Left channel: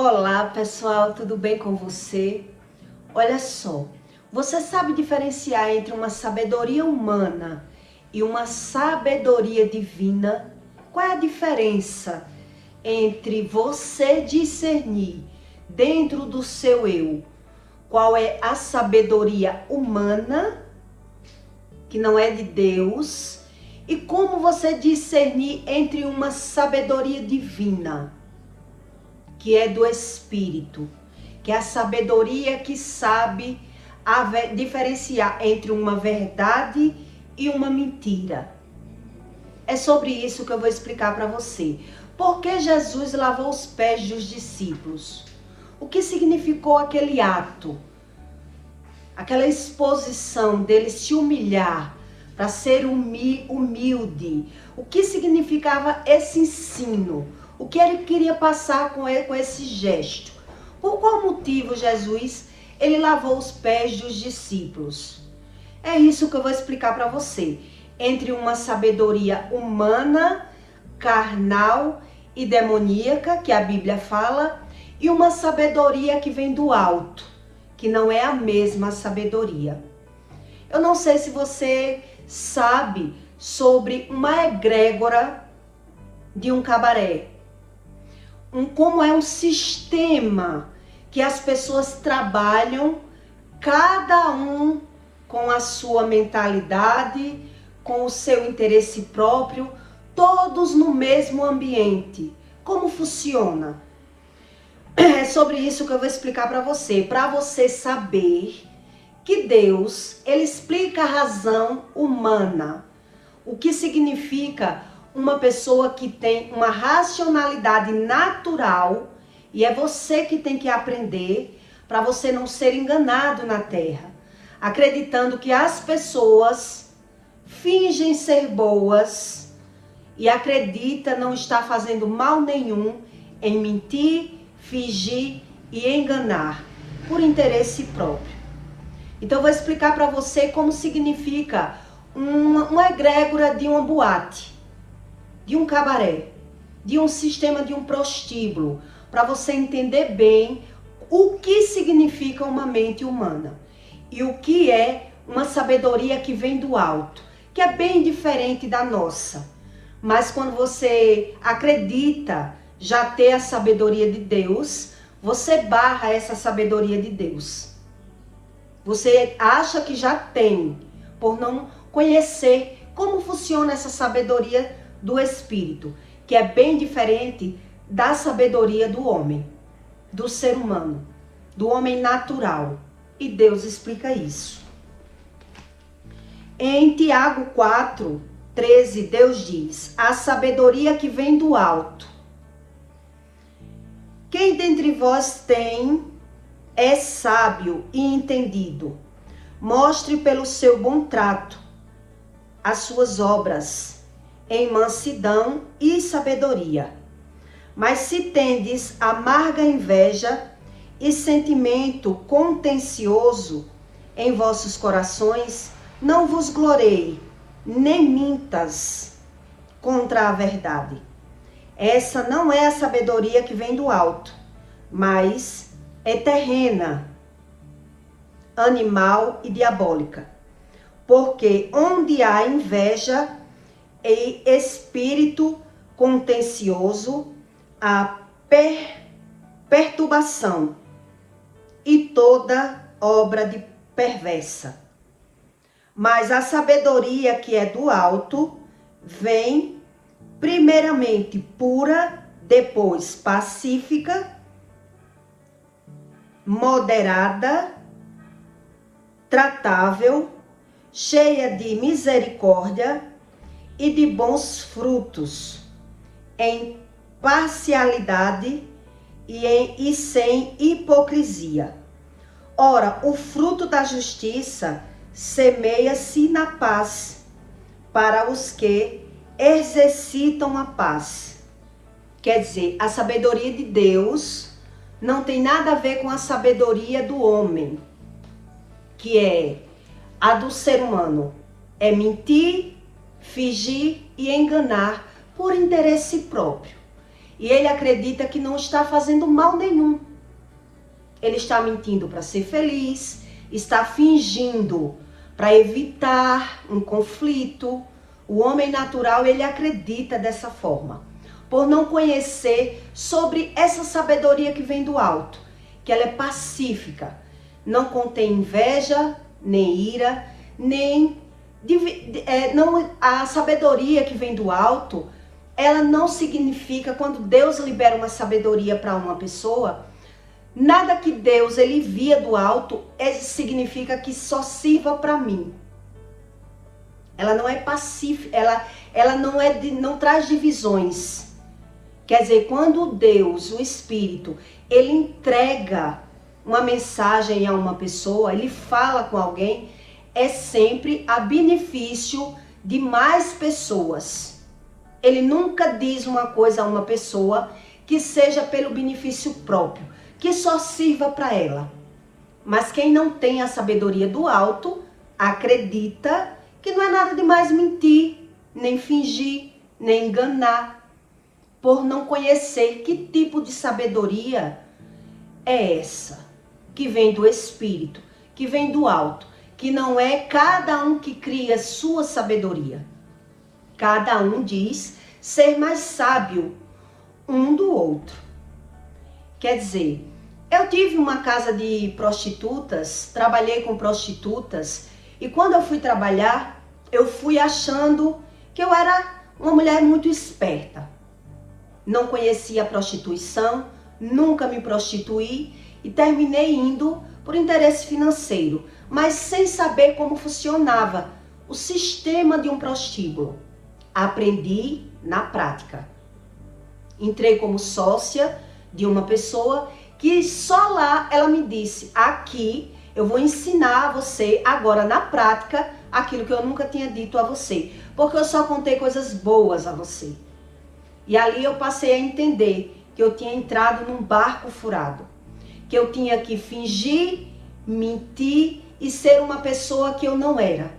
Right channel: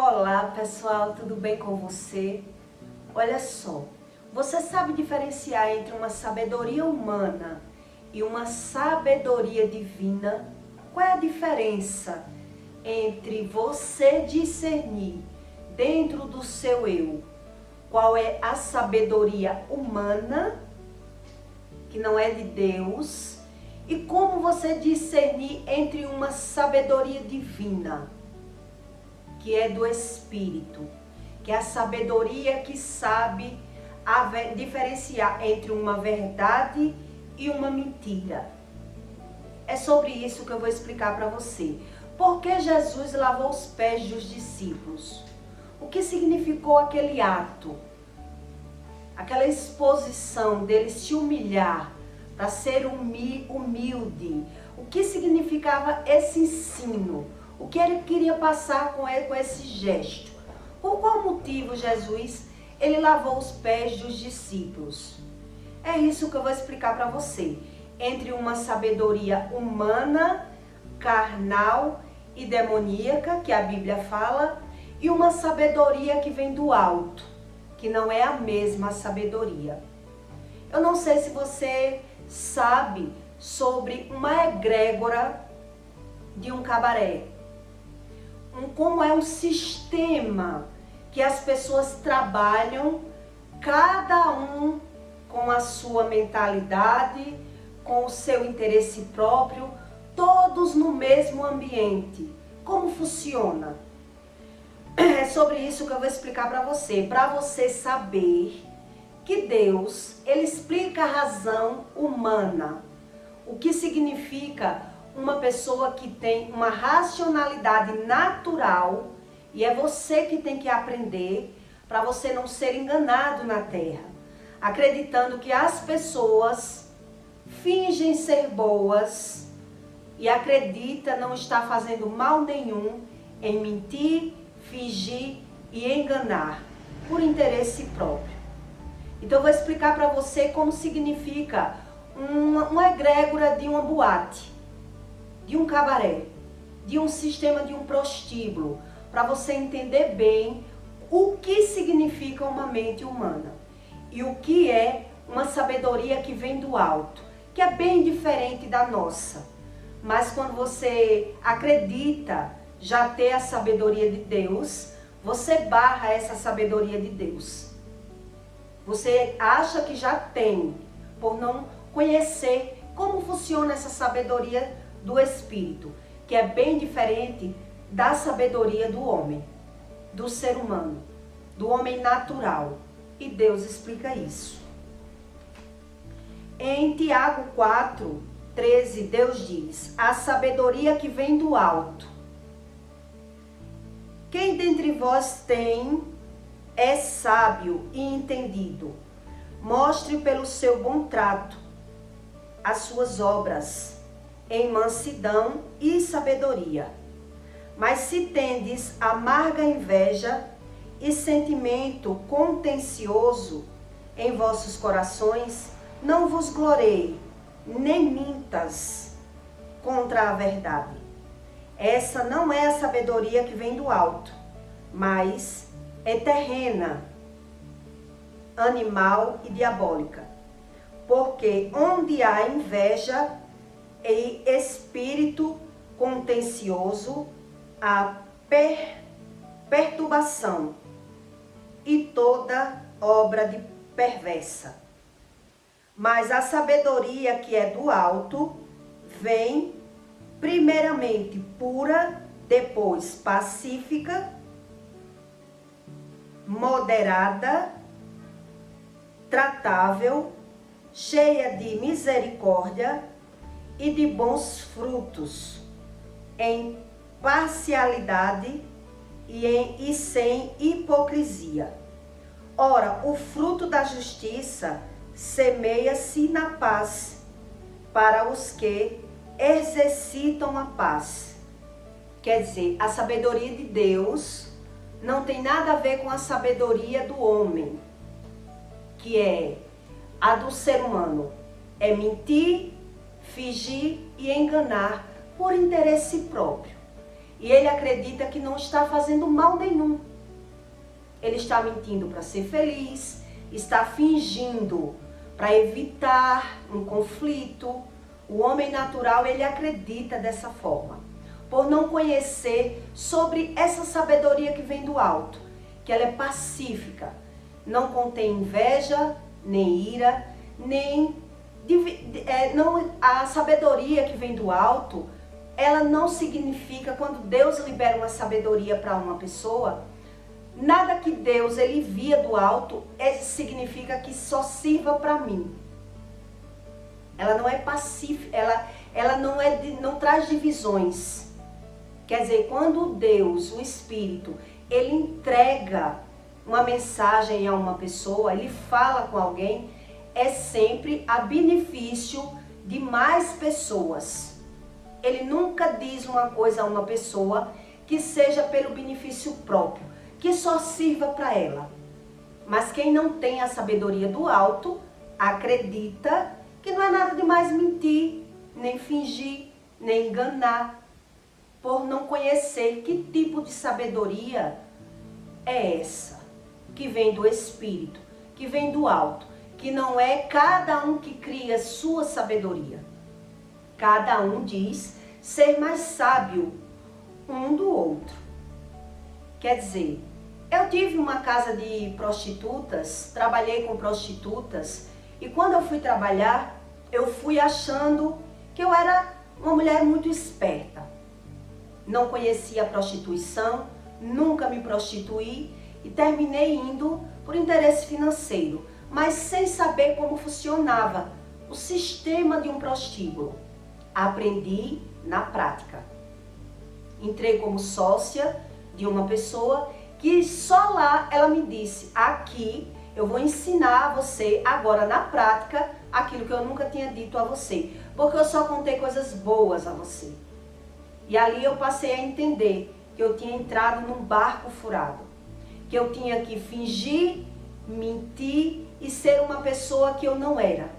Olá pessoal, tudo bem com você? Olha só, você sabe diferenciar entre uma sabedoria humana e uma sabedoria divina? Qual é a diferença entre você discernir dentro do seu eu qual é a sabedoria humana, que não é de Deus, e como você discernir entre uma sabedoria divina, que é do Espírito, que é a sabedoria que sabe diferenciar entre uma verdade e uma mentira. É sobre isso que eu vou explicar para você. Por que Jesus lavou os pés dos discípulos? O que significou aquele ato? Aquela exposição dele se humilhar para ser humilde. O que significava esse ensino? O que ele queria passar com esse gesto? Por qual motivo Jesus ele lavou os pés dos discípulos? É isso que eu vou explicar para você. Entre uma sabedoria humana, carnal e demoníaca, que a Bíblia fala, e uma sabedoria que vem do alto, que não é a mesma sabedoria. Eu não sei se você sabe sobre uma egrégora de um cabaré. Como é um sistema que as pessoas trabalham, cada um com a sua mentalidade, com o seu interesse próprio, todos no mesmo ambiente. Como funciona? É sobre isso que eu vou explicar para você saber que Deus, ele explica a razão humana, o que significa uma pessoa que tem uma racionalidade natural, e é você que tem que aprender para você não ser enganado na terra, acreditando que as pessoas fingem ser boas e acredita não estar fazendo mal nenhum em mentir, fingir e enganar por interesse próprio. Então eu vou explicar para você como significa uma egrégora de uma boate, de um cabaré, de um sistema de um prostíbulo, para você entender bem o que significa uma mente humana e o que é uma sabedoria que vem do alto, que é bem diferente da nossa. Mas quando você acredita já ter a sabedoria de Deus, você barra essa sabedoria de Deus. Você acha que já tem, por não conhecer como funciona essa sabedoria do Espírito, que é bem diferente da sabedoria do homem, do ser humano, do homem natural. E Deus explica isso. Em Tiago 4:13, Deus diz: a sabedoria que vem do alto. Quem dentre vós é sábio e entendido, mostre pelo seu bom trato as suas obras, em mansidão e sabedoria. Mas se tendes amarga inveja e sentimento contencioso em vossos corações, não vos glorieie, nem mintas contra a verdade. Essa não é a sabedoria que vem do alto, mas é terrena, animal e diabólica. Porque onde há inveja e espírito contencioso, há perturbação e toda obra de perversa. Mas a sabedoria que é do alto vem primeiramente pura, depois pacífica, moderada, tratável, cheia de misericórdia e de bons frutos, em parcialidade e sem hipocrisia. Ora, o fruto da justiça semeia-se na paz para os que exercitam a paz. Quer dizer, a sabedoria de Deus não tem nada a ver com a sabedoria do homem, que é a do ser humano. É mentir, fingir e enganar por interesse próprio. e ele acredita que não está fazendo mal nenhum. Ele está mentindo para ser feliz, está fingindo para evitar um conflito. O homem natural, ele acredita dessa forma, por não conhecer sobre essa sabedoria que vem do alto, que ela é pacífica, não contém inveja, nem ira, a sabedoria que vem do alto, ela não significa, quando Deus libera uma sabedoria para uma pessoa, nada que Deus ele envia do alto significa que só sirva para mim. Ela não é pacífica, ela não traz divisões. Quer dizer, quando Deus, o Espírito, ele entrega uma mensagem a uma pessoa, ele fala com alguém, é sempre a benefício de mais pessoas. Ele nunca diz uma coisa a uma pessoa que seja pelo benefício próprio, que só sirva para ela. Mas quem não tem a sabedoria do alto, acredita que não é nada demais mentir, nem fingir, nem enganar, por não conhecer que tipo de sabedoria é essa, que vem do Espírito, que vem do alto, que não é cada um que cria sua sabedoria. Cada um diz ser mais sábio um do outro. Quer dizer, eu tive uma casa de prostitutas, trabalhei com prostitutas, e quando eu fui trabalhar, eu fui achando que eu era uma mulher muito esperta. Não conhecia a prostituição, nunca me prostituí e terminei indo por interesse financeiro, mas sem saber como funcionava o sistema de um prostíbulo. Aprendi na prática. Entrei como sócia de uma pessoa que só lá ela me disse: aqui eu vou ensinar a você agora na prática aquilo que eu nunca tinha dito a você, porque eu só contei coisas boas a você. E ali eu passei a entender que eu tinha entrado num barco furado, que eu tinha que fingir, mentir e ser uma pessoa que eu não era,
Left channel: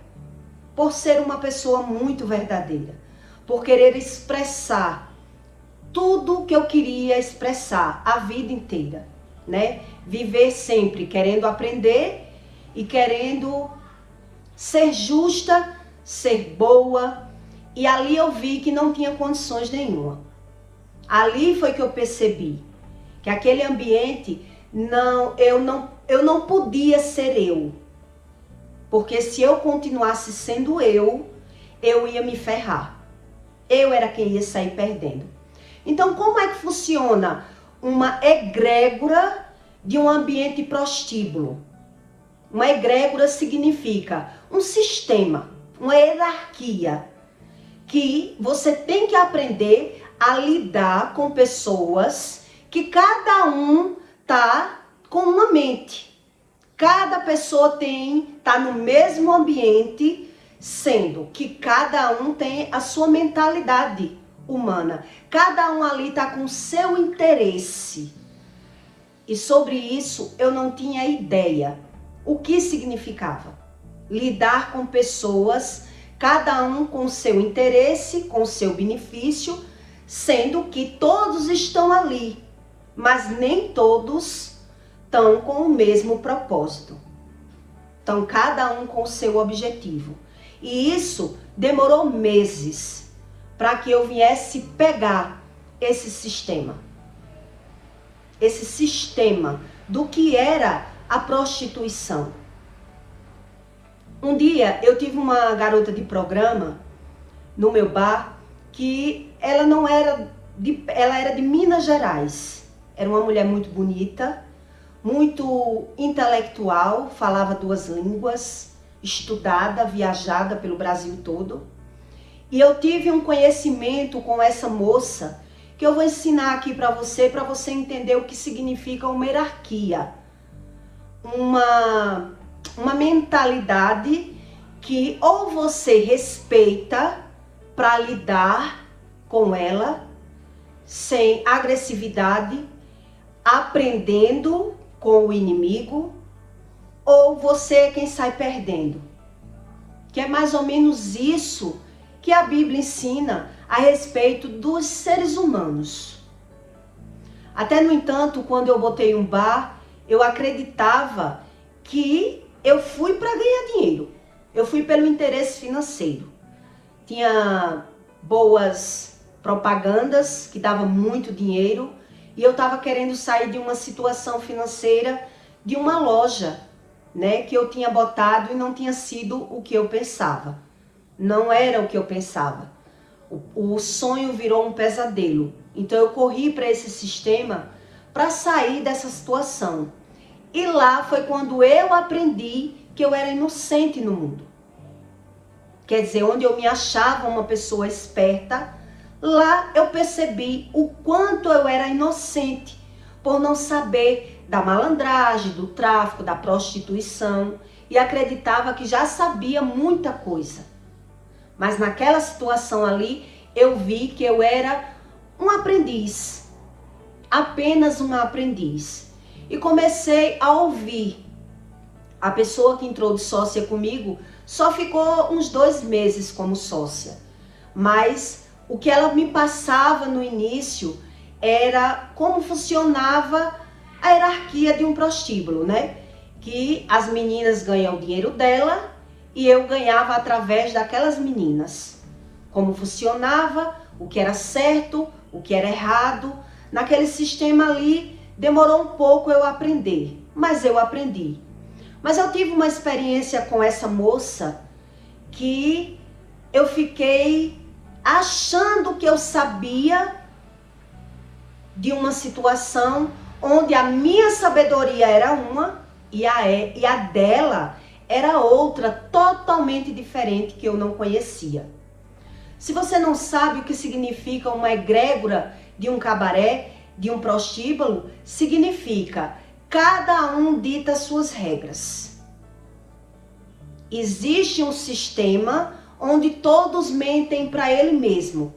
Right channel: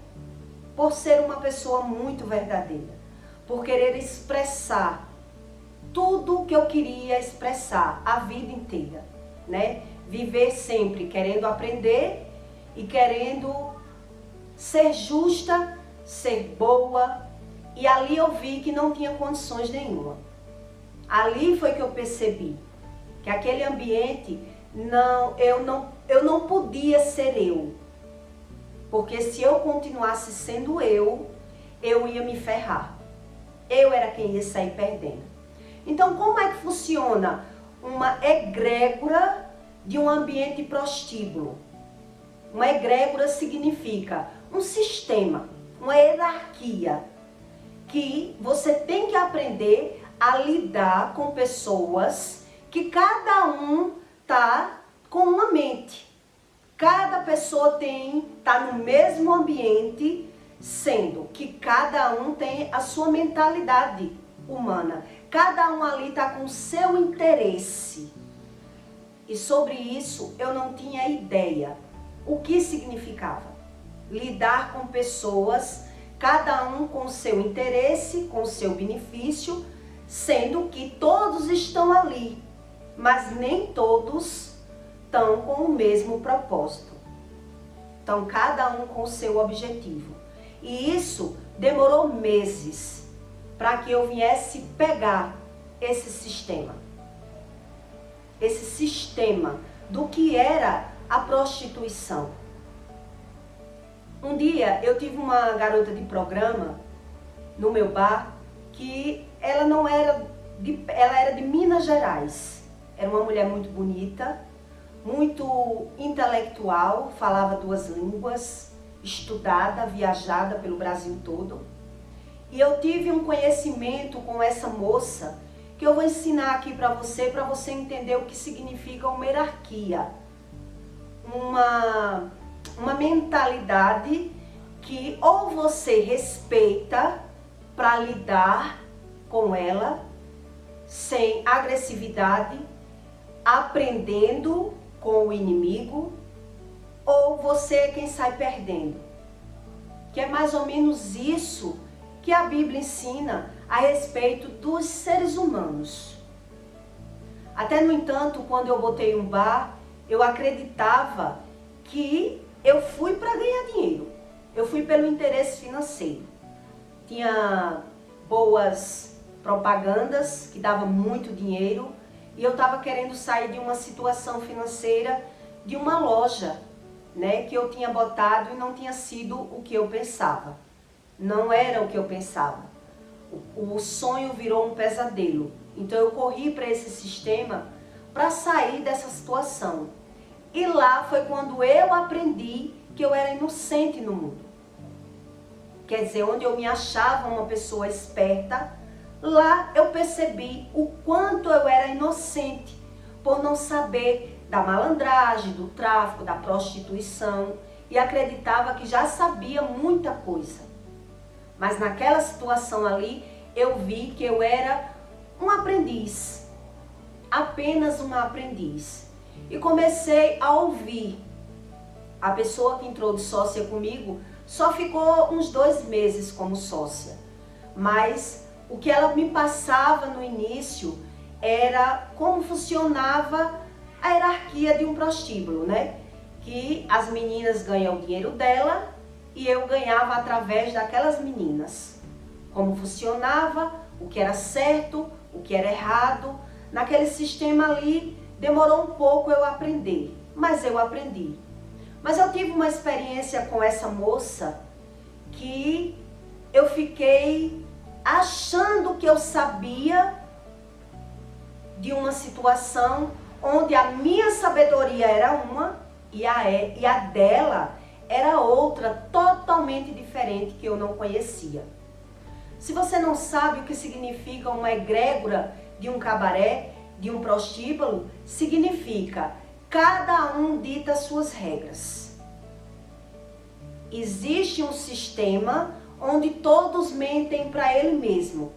por ser uma pessoa muito verdadeira, por querer expressar tudo que eu queria expressar a vida inteira, né? Viver sempre querendo aprender e querendo ser justa, ser boa. E ali eu vi que não tinha condições nenhuma. Ali foi que eu percebi que aquele ambiente, eu não podia ser eu. Porque se eu continuasse sendo eu ia me ferrar. Eu era quem ia sair perdendo. Então, como é que funciona uma egrégora de um ambiente prostíbulo? Uma egrégora significa um sistema, uma hierarquia, que você tem que aprender a lidar com pessoas que cada um tá com uma mente. Cada pessoa tá no mesmo ambiente, sendo que cada um tem a sua mentalidade humana. Cada um ali tá com o seu interesse. E sobre isso eu não tinha ideia o que significava lidar com pessoas, cada um com seu interesse, com seu benefício, sendo que todos estão ali, mas nem todos estão com o mesmo propósito. Então, cada um com o seu objetivo. E isso demorou meses para que eu viesse pegar esse sistema. Esse sistema do que era a prostituição. Um dia eu tive uma garota de programa no meu bar que ela era de Minas Gerais. Era uma mulher muito bonita, muito intelectual, falava 2 línguas, estudada, viajada pelo Brasil todo. E eu tive um conhecimento com essa moça que eu vou ensinar aqui para você entender o que significa uma hierarquia. Uma mentalidade que ou você respeita para lidar com ela sem agressividade, aprendendo com o inimigo, ou você é quem sai perdendo. Que é mais ou menos isso que a Bíblia ensina a respeito dos seres humanos. Até no entanto, quando eu botei um bar, eu acreditava que eu fui para ganhar dinheiro. Eu fui pelo interesse financeiro. Tinha boas propagandas que davam muito dinheiro e eu estava querendo sair de uma situação financeira de uma loja, né, que eu tinha botado e não tinha sido o que eu pensava. Não era o que eu pensava. O sonho virou um pesadelo. Então eu corri para esse sistema para sair dessa situação. E lá foi quando eu aprendi que eu era inocente no mundo. Quer dizer, onde eu me achava uma pessoa esperta, lá eu percebi o quanto eu era inocente por não saber da malandragem, do tráfico, da prostituição e acreditava que já sabia muita coisa. Mas naquela situação ali, eu vi que eu era um aprendiz, apenas uma aprendiz. E comecei a ouvir. A pessoa que entrou de sócia comigo só ficou uns 2 meses como sócia. Mas o que ela me passava no início era como funcionava a hierarquia de um prostíbulo, né? Que as meninas ganham o dinheiro dela e eu ganhava através daquelas meninas. Como funcionava, o que era certo, o que era errado. Naquele sistema ali, demorou um pouco eu aprender, mas eu aprendi. Mas eu tive uma experiência com essa moça que eu fiquei achando que eu sabia de uma situação onde a minha sabedoria era uma e a dela era outra, totalmente diferente, que eu não conhecia. Se você não sabe o que significa uma egrégora de um cabaré, de um prostíbulo, significa cada um dita suas regras. Existe um sistema onde todos mentem para ele mesmo.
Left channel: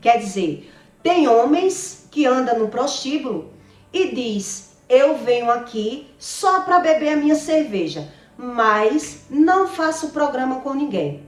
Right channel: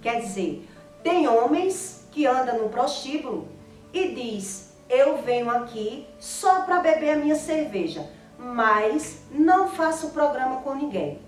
Quer dizer, tem homens que andam no prostíbulo e diz: eu venho aqui só para beber a minha cerveja, mas não faço programa com ninguém.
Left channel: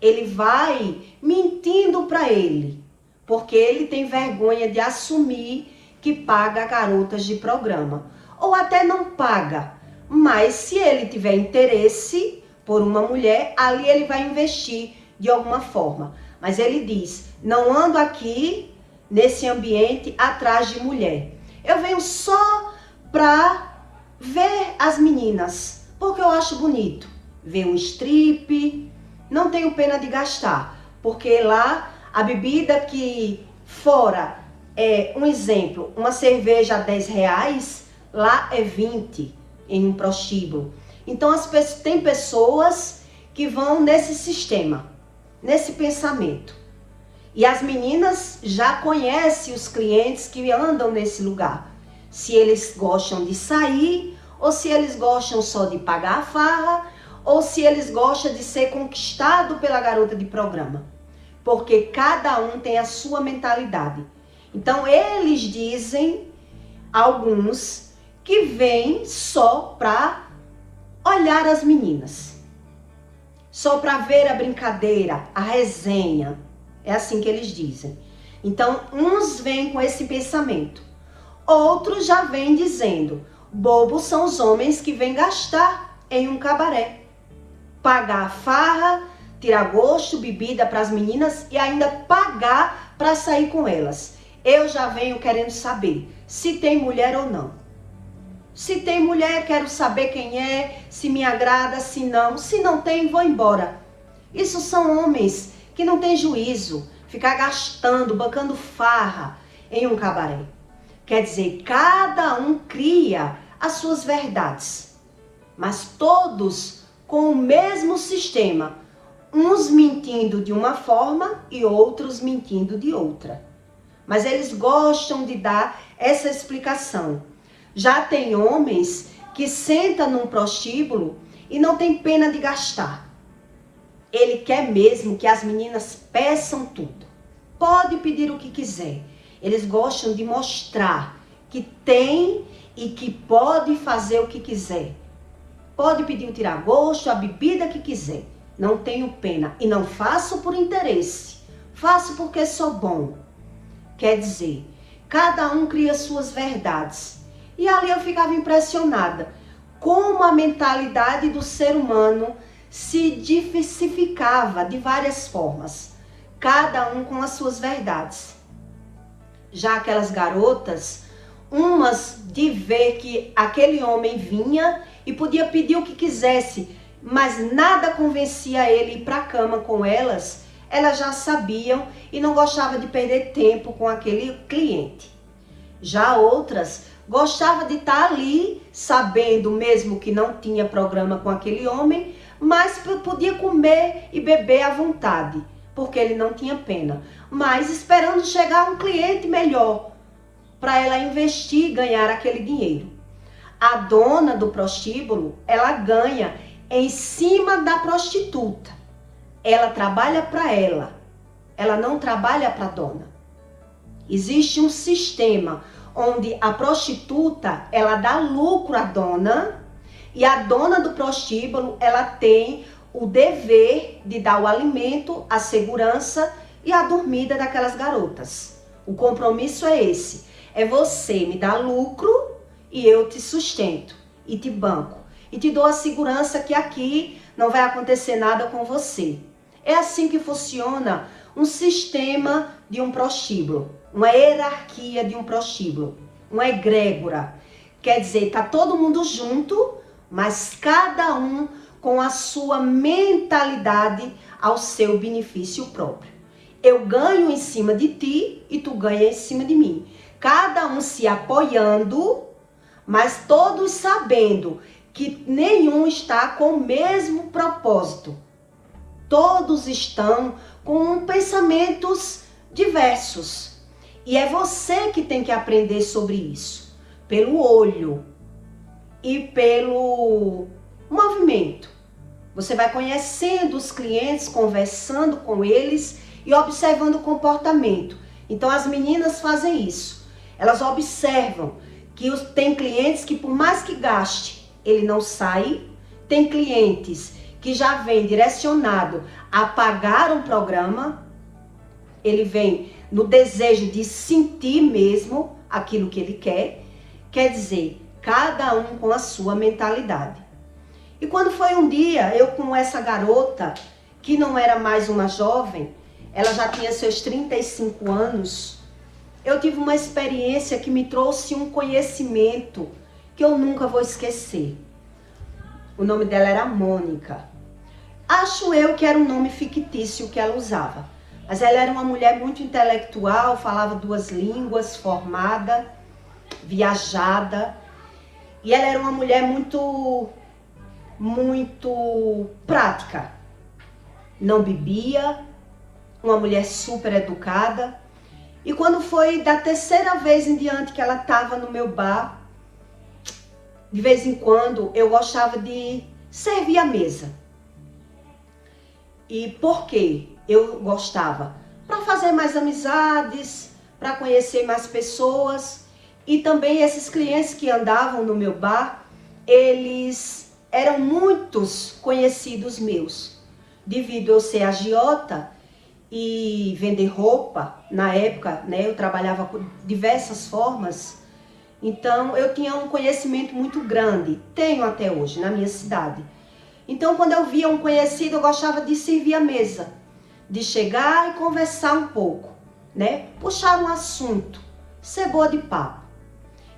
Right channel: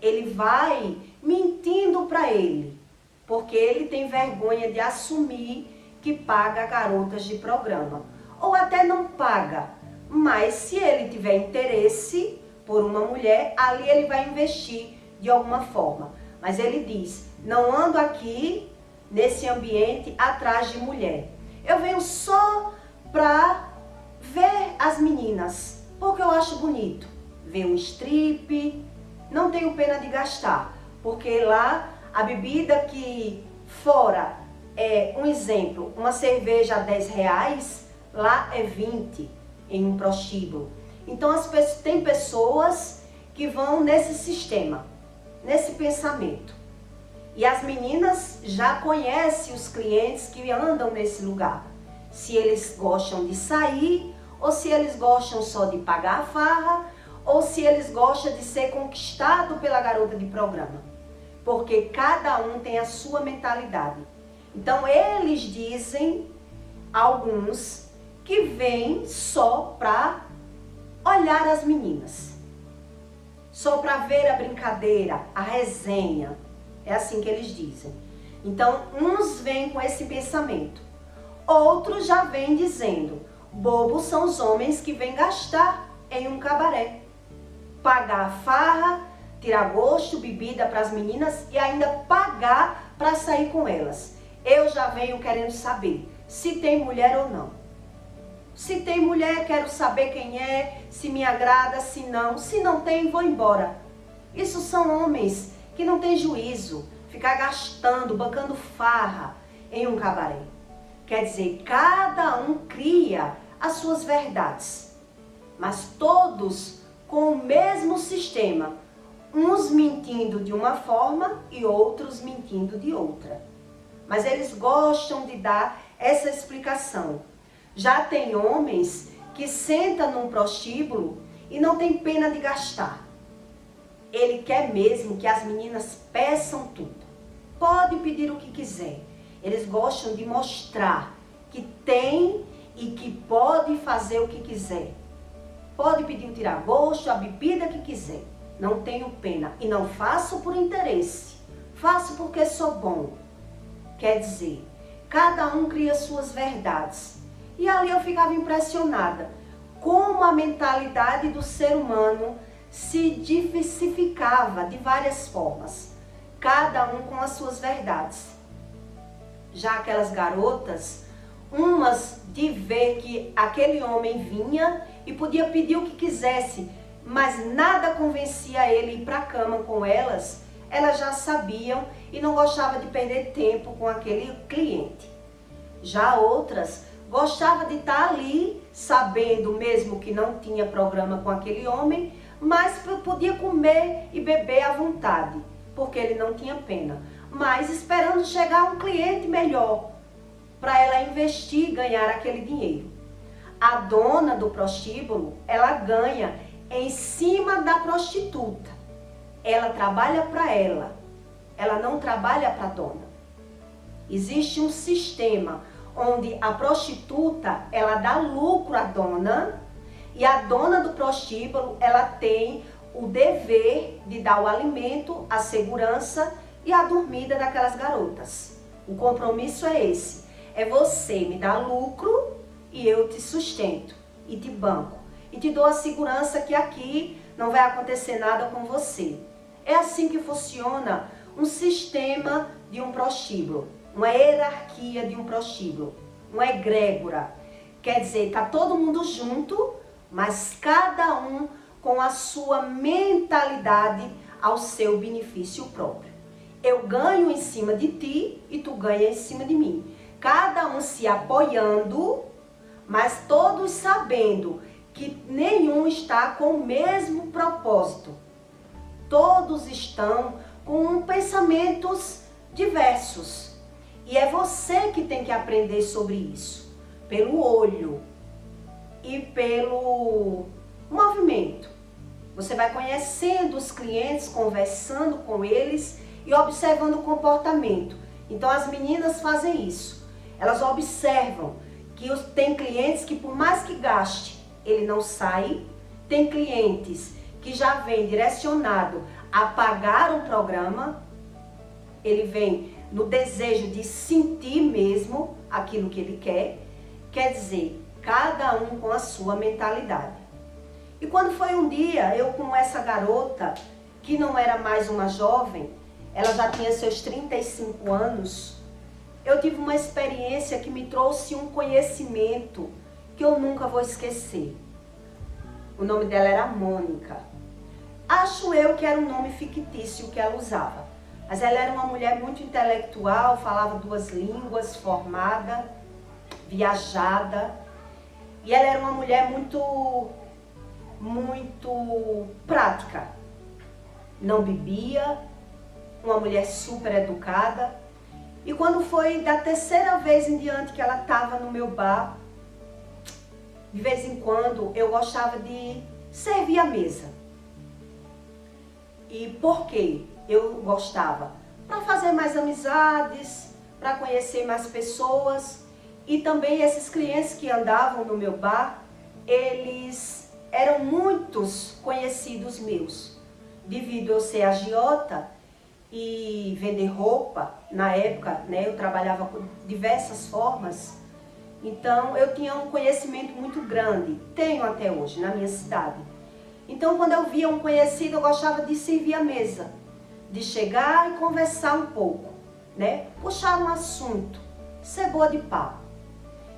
Ele vai mentindo para ele, porque ele tem vergonha de assumir que paga garotas de programa. Ou até não paga, mas se ele tiver interesse por uma mulher, ali ele vai investir de alguma forma. Mas ele diz: não ando aqui nesse ambiente atrás de mulher. Eu venho só para ver as meninas, porque eu acho bonito. Ver um strip, não tenho pena de gastar, porque lá a bebida que fora é, um exemplo, uma cerveja a R$10, lá é 20 em um prostíbulo. Então tem pessoas que vão nesse sistema, nesse pensamento. E as meninas já conhecem os clientes que andam nesse lugar. Se eles gostam de sair, ou se eles gostam só de pagar a farra, ou se eles gostam de ser conquistado pela garota de programa. Porque cada um tem a sua mentalidade. Então eles dizem, alguns, que vêm só para olhar as meninas. Só para ver a brincadeira, a resenha. É assim que eles dizem. Então, uns vêm com esse pensamento. Outros já vêm dizendo: bobos são os homens que vêm gastar em um cabaré. Pagar farra, tirar gosto, bebida para as meninas e ainda pagar para sair com elas. Eu já venho querendo saber se tem mulher ou não. Se tem mulher, quero saber quem é, se me agrada, se não. Se não tem, vou embora. Isso são homens que não têm juízo, ficar gastando, bancando farra em um cabaré. Quer dizer, cada um cria as suas verdades, mas todos com o mesmo sistema, uns mentindo de uma forma e outros mentindo de outra. Mas eles gostam de dar essa explicação. Já tem homens que sentam num prostíbulo e não tem pena de gastar. Ele quer mesmo que as meninas peçam tudo. Pode pedir o que quiser. Eles gostam de mostrar que tem e que pode fazer o que quiser. Pode pedir o tiragosto, a bebida que quiser. Não tenho pena e não faço por interesse. Faço porque sou bom. Quer dizer, Cada um cria suas verdades. E ali eu ficava impressionada como a mentalidade do ser humano se diversificava de várias formas, cada um com as suas verdades. Já aquelas garotas, umas de ver que aquele homem vinha e podia pedir o que quisesse, mas nada convencia ele a ir para a cama com elas, elas já sabiam e não gostavam de perder tempo com aquele cliente. Já outras gostavam de estar ali, sabendo mesmo que não tinha programa com aquele homem, mas podia comer e beber à vontade, porque ele não tinha pena, mas esperando chegar um cliente melhor para ela investir e ganhar aquele dinheiro. A dona do prostíbulo, ela ganha em cima da prostituta. Ela trabalha para ela não trabalha para a dona. Existe um sistema onde a prostituta, ela dá lucro à dona, e a dona do prostíbulo, ela tem o dever de dar o alimento, a segurança e a dormida daquelas garotas. O compromisso é esse, é você me dar lucro e eu te sustento e te banco. E te dou a segurança que aqui não vai acontecer nada com você. É assim que funciona um sistema de um prostíbulo, uma hierarquia de um prostíbulo, uma egrégora. Quer dizer, tá todo mundo junto, mas cada um com a sua mentalidade ao seu benefício próprio. Eu ganho em cima de ti e tu ganha em cima de mim. Cada um se apoiando, mas todos sabendo que nenhum está com o mesmo propósito. Todos estão com pensamentos diversos. E é você que tem que aprender sobre isso. Pelo olho e pelo movimento. Você vai conhecendo os clientes, conversando com eles e observando o comportamento. Então as meninas fazem isso. Elas observam que tem clientes que por mais que gaste, ele não sai. Tem clientes que já vem direcionado a pagar um programa. Ele vem no desejo de sentir mesmo aquilo que ele quer. Quer dizer, cada um com a sua mentalidade. E quando foi um dia, eu com essa garota, que não era mais uma jovem, ela já tinha seus 35 anos, eu tive uma experiência que me trouxe um conhecimento que eu nunca vou esquecer. O nome dela era Mônica. Acho eu que era um nome fictício que ela usava. Mas ela era uma mulher muito intelectual, falava 2 línguas, formada, viajada. E ela era uma mulher muito prática. Não bebia, uma mulher super educada. E quando foi da 3ª vez em diante que ela estava no meu bar, de vez em quando eu gostava de servir a mesa. E por quê? Eu gostava? Para fazer mais amizades, para conhecer mais pessoas. E também esses clientes que andavam no meu bar, eles eram muitos conhecidos meus. Devido eu ser agiota e vender roupa, na época, né, eu trabalhava com diversas formas. Então eu tinha um conhecimento muito grande, tenho até hoje na minha cidade. Então quando eu via um conhecido, eu gostava de servir a mesa, de chegar e conversar um pouco, né? Puxar um assunto, ser boa de papo.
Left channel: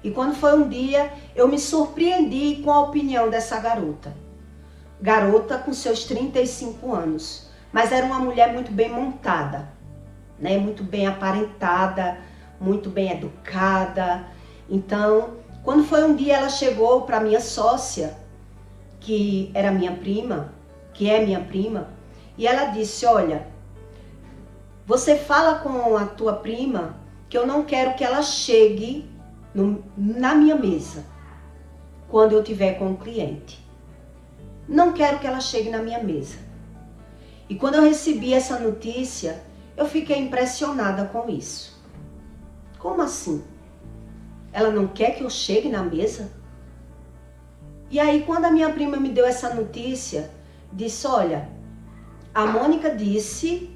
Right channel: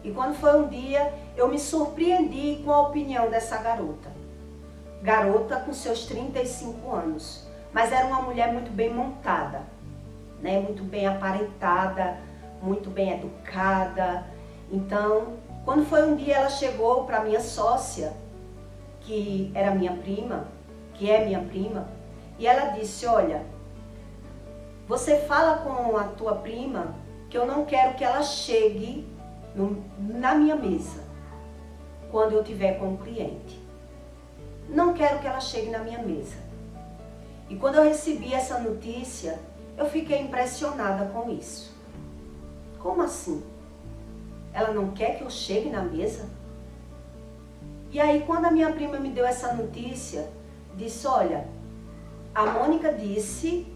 E quando foi um dia, eu me surpreendi com a opinião dessa garota. Garota com seus 35 anos, mas era uma mulher muito bem montada, né? Muito bem aparentada, muito bem educada. Então, quando foi um dia, ela chegou para minha sócia, que era minha prima, que é minha prima, e ela disse: olha, você fala com a tua prima que eu não quero que ela chegue na minha mesa quando eu tiver com o cliente. Não quero que ela chegue na minha mesa. E quando eu recebi essa notícia, eu fiquei impressionada com isso. Como assim? Ela não quer que eu chegue na mesa? E aí, quando a minha prima me deu essa notícia, disse: olha, a Mônica disse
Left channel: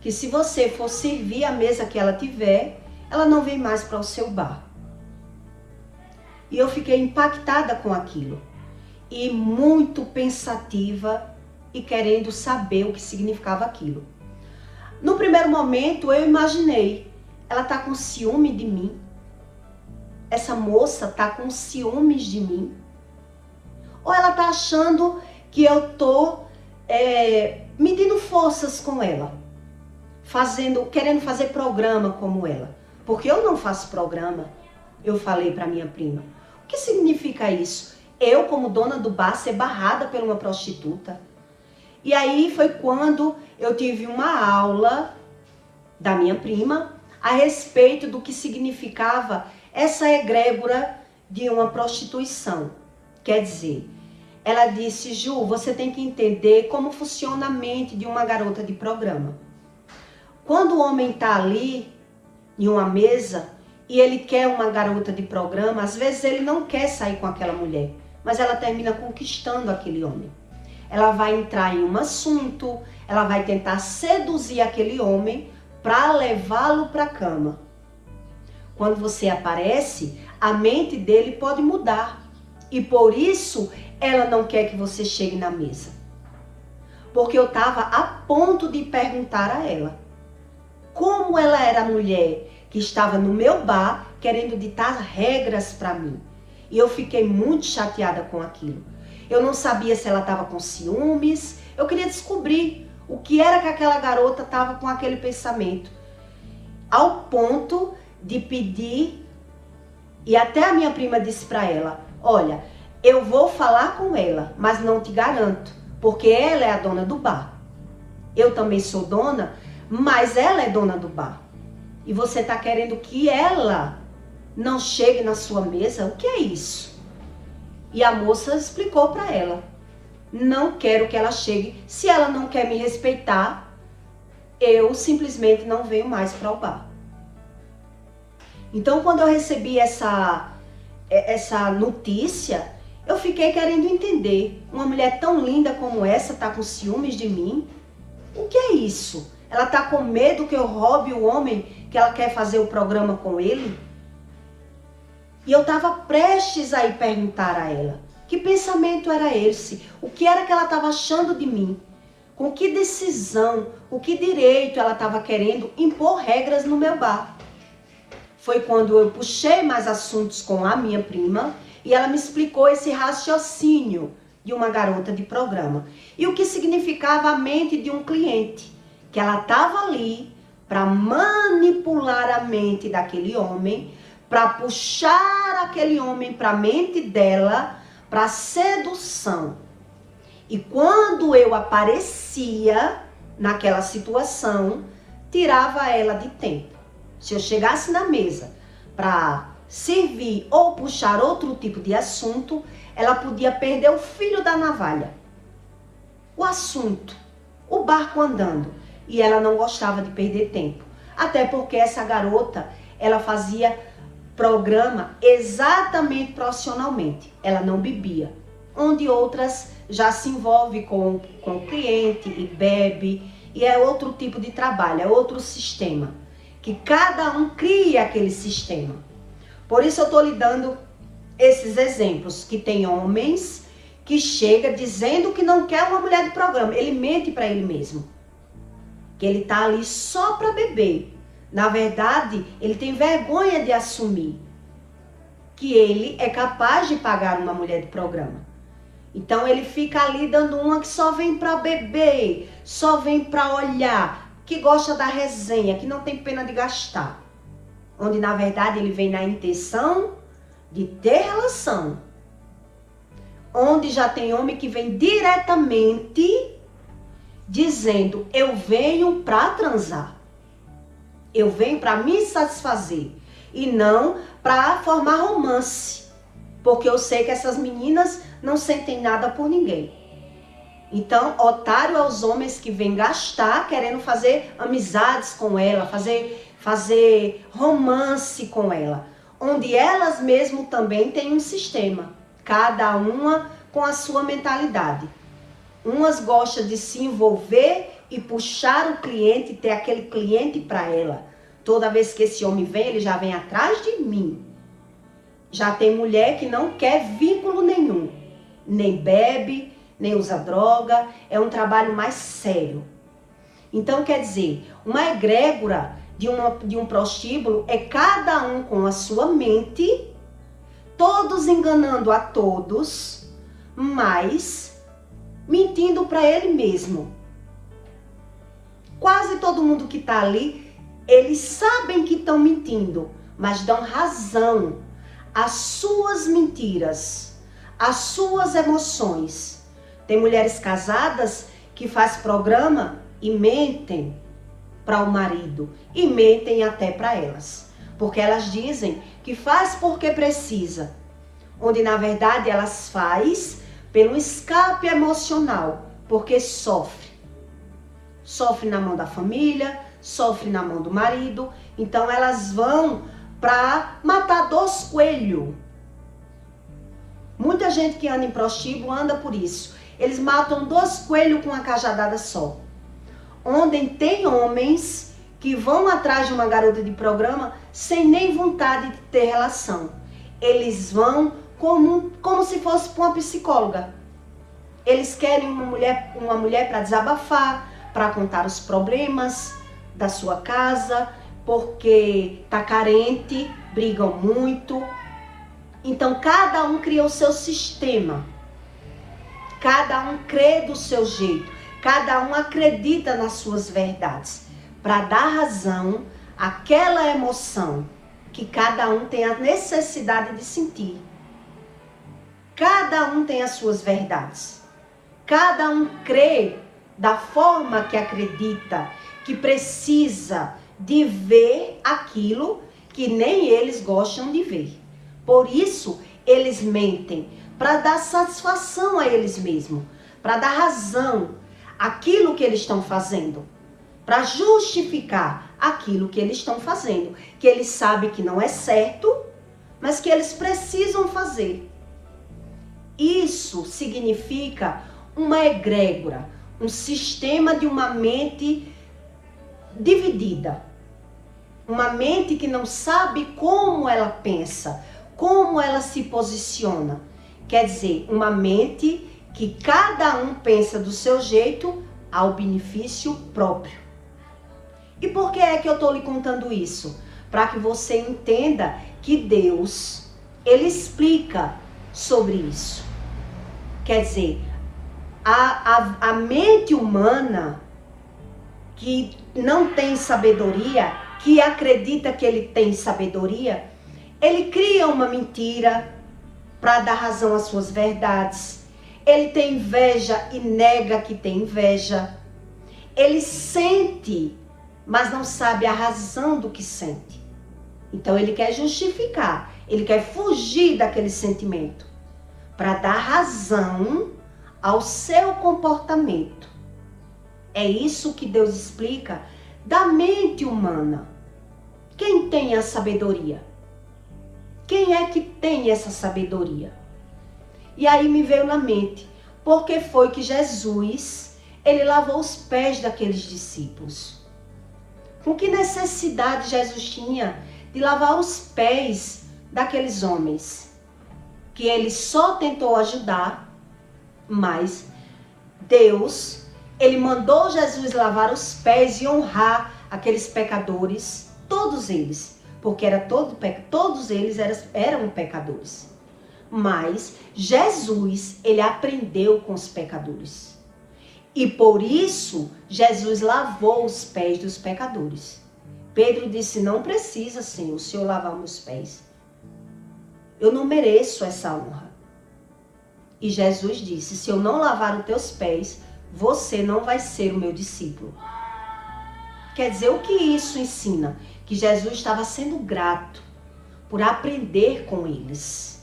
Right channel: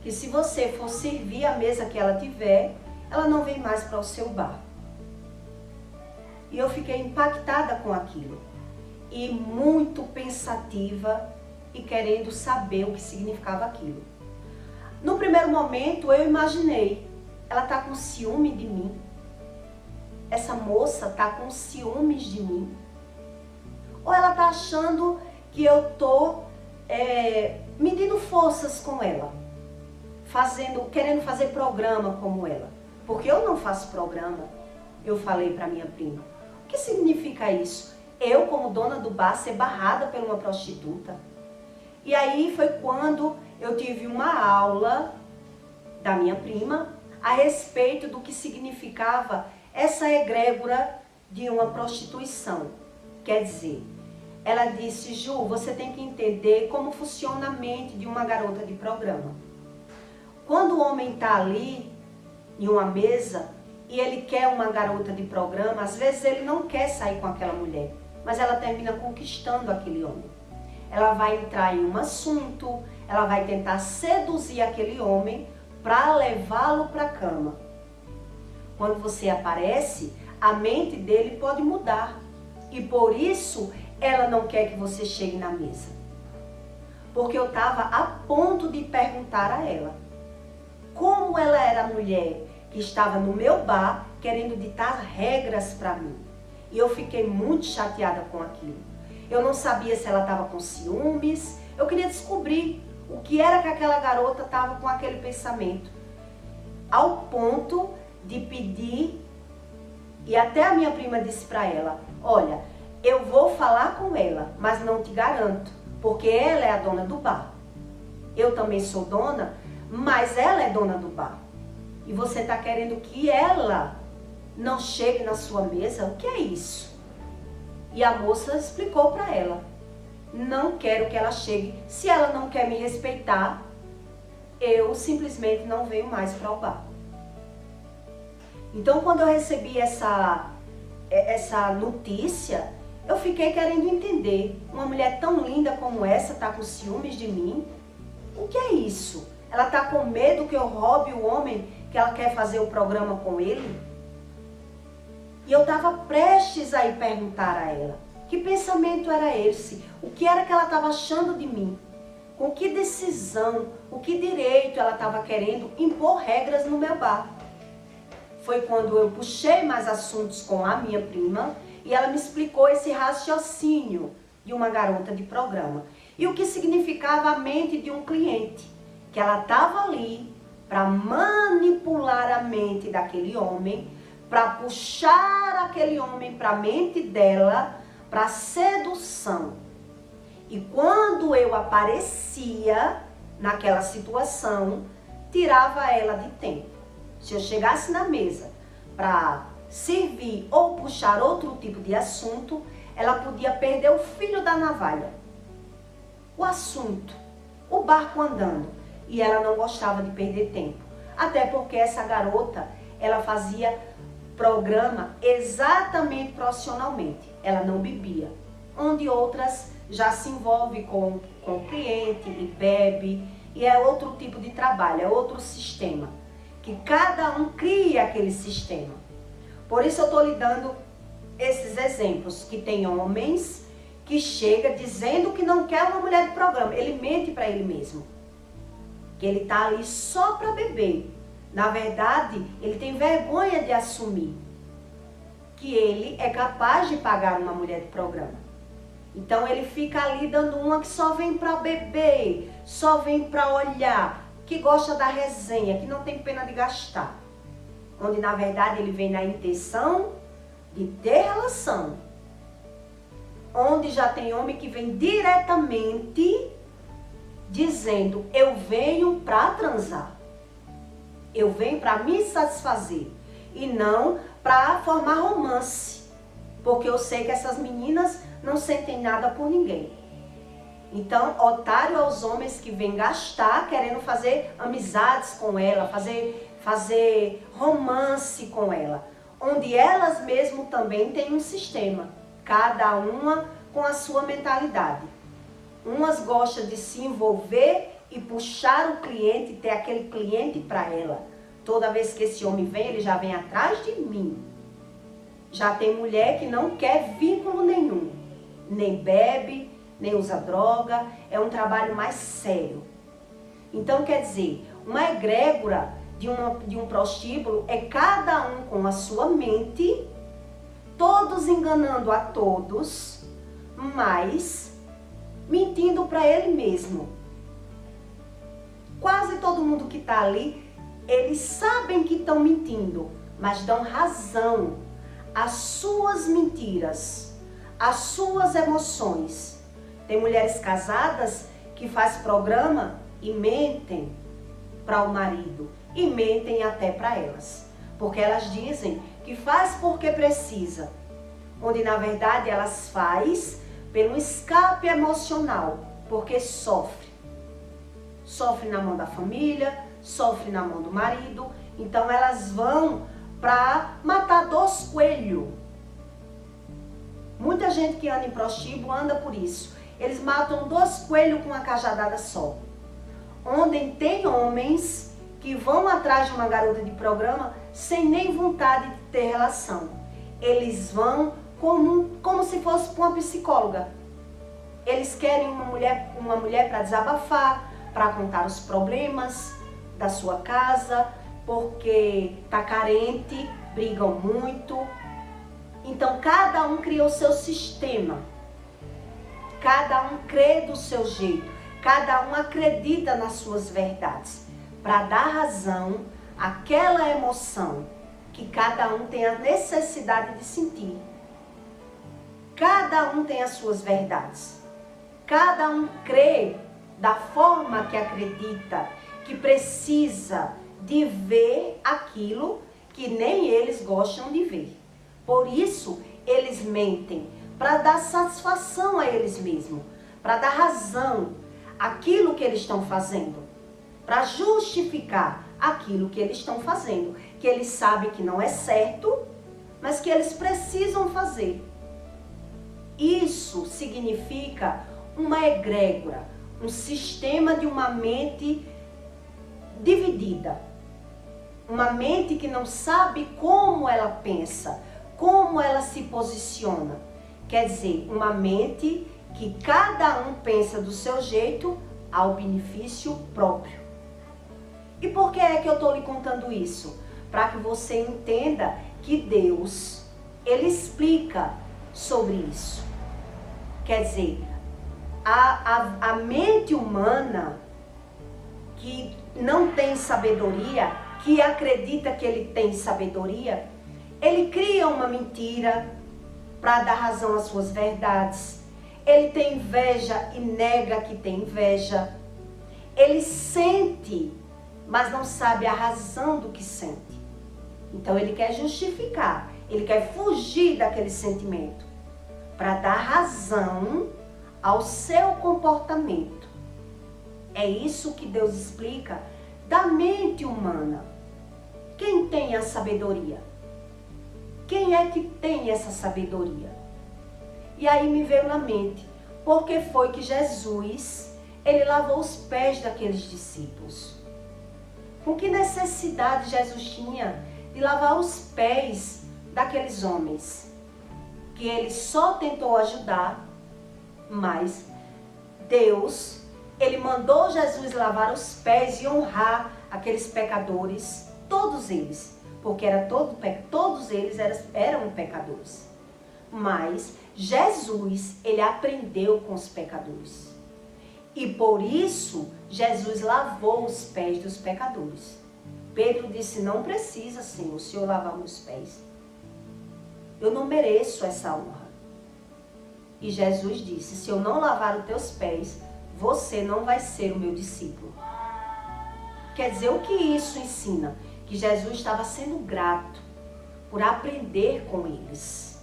que se você for servir a mesa que ela tiver, ela não vem mais para o seu bar. E eu fiquei impactada com aquilo. E muito pensativa e querendo saber o que significava aquilo. No primeiro momento eu imaginei, ela tá com ciúme de mim. Essa moça tá com ciúmes de mim. Ou ela tá achando que eu tô medindo forças com ela. Querendo fazer programa como ela. Porque eu não faço programa, eu falei para minha prima. O que significa isso? Eu, como dona do bar, ser barrada por uma prostituta? E aí foi quando eu tive uma aula da minha prima a respeito do que significava essa egrégora de uma prostituição. Quer dizer, ela disse, Ju, você tem que entender como funciona a mente de uma garota de programa. Quando o homem está ali, em uma mesa, e ele quer uma garota de programa, às vezes ele não quer sair com aquela mulher, mas ela termina conquistando aquele homem. Ela vai entrar em um assunto, ela vai tentar seduzir aquele homem para levá-lo para a cama. Quando você aparece, a mente dele pode mudar. E por isso, ela não quer que você chegue na mesa. Porque eu estava a ponto de perguntar a ela como ela era a mulher que estava no meu bar querendo ditar regras para mim. E eu fiquei muito chateada com aquilo. Eu não sabia se ela estava com ciúmes. Eu queria descobrir o que era que aquela garota estava com aquele pensamento. Ao ponto de pedir, e até a minha prima disse para ela, olha, eu vou falar com ela, mas não te garanto, porque ela é a dona do bar. Eu também sou dona, mas ela é dona do bar. E você está querendo que ela não chegue na sua mesa? O que é isso? E a moça explicou para ela. Não quero que ela chegue. Se ela não quer me respeitar, eu simplesmente não venho mais para o bar. Então, quando eu recebi essa notícia, eu fiquei querendo entender. Uma mulher tão linda como essa está com ciúmes de mim? O que é isso? Ela está com medo que eu roube o homem que ela quer fazer o programa com ele? E eu estava prestes a ir perguntar a ela. Que pensamento era esse? O que era que ela estava achando de mim? Com que decisão, com que direito ela estava querendo impor regras no meu bar? Foi quando eu puxei mais assuntos com a minha prima e ela me explicou esse raciocínio de uma garota de programa. E o que significava a mente de um cliente. Que ela estava ali para manipular a mente daquele homem, para puxar aquele homem para a mente dela, para sedução. E quando eu aparecia naquela situação, tirava ela de tempo. Se eu chegasse na mesa para servir ou puxar outro tipo de assunto, ela podia perder o fio da navalha. O assunto, o barco andando. E ela não gostava de perder tempo. Até porque essa garota, ela fazia programa exatamente profissionalmente. Ela não bebia. Onde outras já se envolvem com o cliente e bebe. E é outro tipo de trabalho, é outro sistema. Que cada um cria aquele sistema. Por isso eu estou lhe dando esses exemplos. Que tem homens que chegam dizendo que não quer uma mulher de programa. Ele mente para ele mesmo. Que ele está ali só para beber. Na verdade, ele tem vergonha de assumir que ele é capaz de pagar uma mulher de programa. Então ele fica ali dando uma que só vem para beber, só vem para olhar, que gosta da resenha, que não tem pena de gastar. Onde na verdade ele vem na intenção de ter relação. Onde já tem homem que vem diretamente dizendo, eu venho para transar. Eu venho para me satisfazer. E não para formar romance. Porque eu sei que essas meninas não sentem nada por ninguém. Então, otário é os homens que vêm gastar querendo fazer amizades com ela, fazer romance com ela. Onde elas mesmo também têm um sistema. Cada uma com a sua mentalidade. Umas gostam de se envolver e puxar o cliente, ter aquele cliente para ela. Toda vez que esse homem vem, ele já vem atrás de mim. Já tem mulher que não quer vínculo nenhum. Nem bebe, nem usa droga. É um trabalho mais sério. Então, quer dizer, uma egrégora de um prostíbulo é cada um com a sua mente, todos enganando a todos, mas mentindo para ele mesmo. Quase todo mundo que está ali, eles sabem que estão mentindo, mas dão razão às suas mentiras, às suas emoções. Tem mulheres casadas que fazem programa e mentem para o marido e mentem até para elas, porque elas dizem que faz porque precisa, onde na verdade elas faz pelo escape emocional, porque sofre na mão da família, sofre na mão do marido. Então elas vão para matar 2 coelhos. Muita gente que anda em prostíbulo anda por isso. Eles matam 2 coelhos com uma cajadada só. Onde tem homens que vão atrás de uma garota de programa sem nem vontade de ter relação. Eles vão como se fosse para uma psicóloga. Eles querem uma mulher para desabafar, para contar os problemas da sua casa, porque tá carente, brigam muito. Então cada um cria o seu sistema. Cada um crê do seu jeito. Cada um acredita nas suas verdades, para dar razão àquela emoção que cada um tem a necessidade de sentir. Cada um tem as suas verdades. Cada um crê da forma que acredita, que precisa de ver aquilo que nem eles gostam de ver. Por isso, eles mentem, para dar satisfação a eles mesmos, para dar razão aquilo que eles estão fazendo, para justificar aquilo que eles estão fazendo, que eles sabem que não é certo, mas que eles precisam fazer. Isso significa uma egrégora, um sistema de uma mente dividida, uma mente que não sabe como ela pensa, como ela se posiciona. Quer dizer, uma mente que cada um pensa do seu jeito ao benefício próprio. E por que é que eu estou lhe contando isso? Para que você entenda que Deus, Ele explica sobre isso. Quer dizer, a mente humana que não tem sabedoria, que acredita que ele tem sabedoria, ele cria uma mentira para dar razão às suas verdades. Ele tem inveja e nega que tem inveja. Ele sente, mas não sabe a razão do que sente. Então ele quer justificar, ele quer fugir daquele sentimento para dar razão ao seu comportamento. É isso que Deus explica da mente humana. Quem tem a sabedoria? Quem é que tem essa sabedoria? E aí me veio na mente, porque foi que Jesus, ele lavou os pés daqueles discípulos. Com que necessidade Jesus tinha de lavar os pés daqueles homens? Que ele só tentou ajudar, mas Deus, ele mandou Jesus lavar os pés e honrar aqueles pecadores, todos eles, porque todos eles eram pecadores. Mas Jesus, ele aprendeu com os pecadores. E por isso, Jesus lavou os pés dos pecadores. Pedro disse, não precisa, Senhor, o Senhor lavar meus pés. Eu não mereço essa honra. E Jesus disse, se eu não lavar os teus pés, você não vai ser o meu discípulo. Quer dizer, o que isso ensina? Que Jesus estava sendo grato por aprender com eles.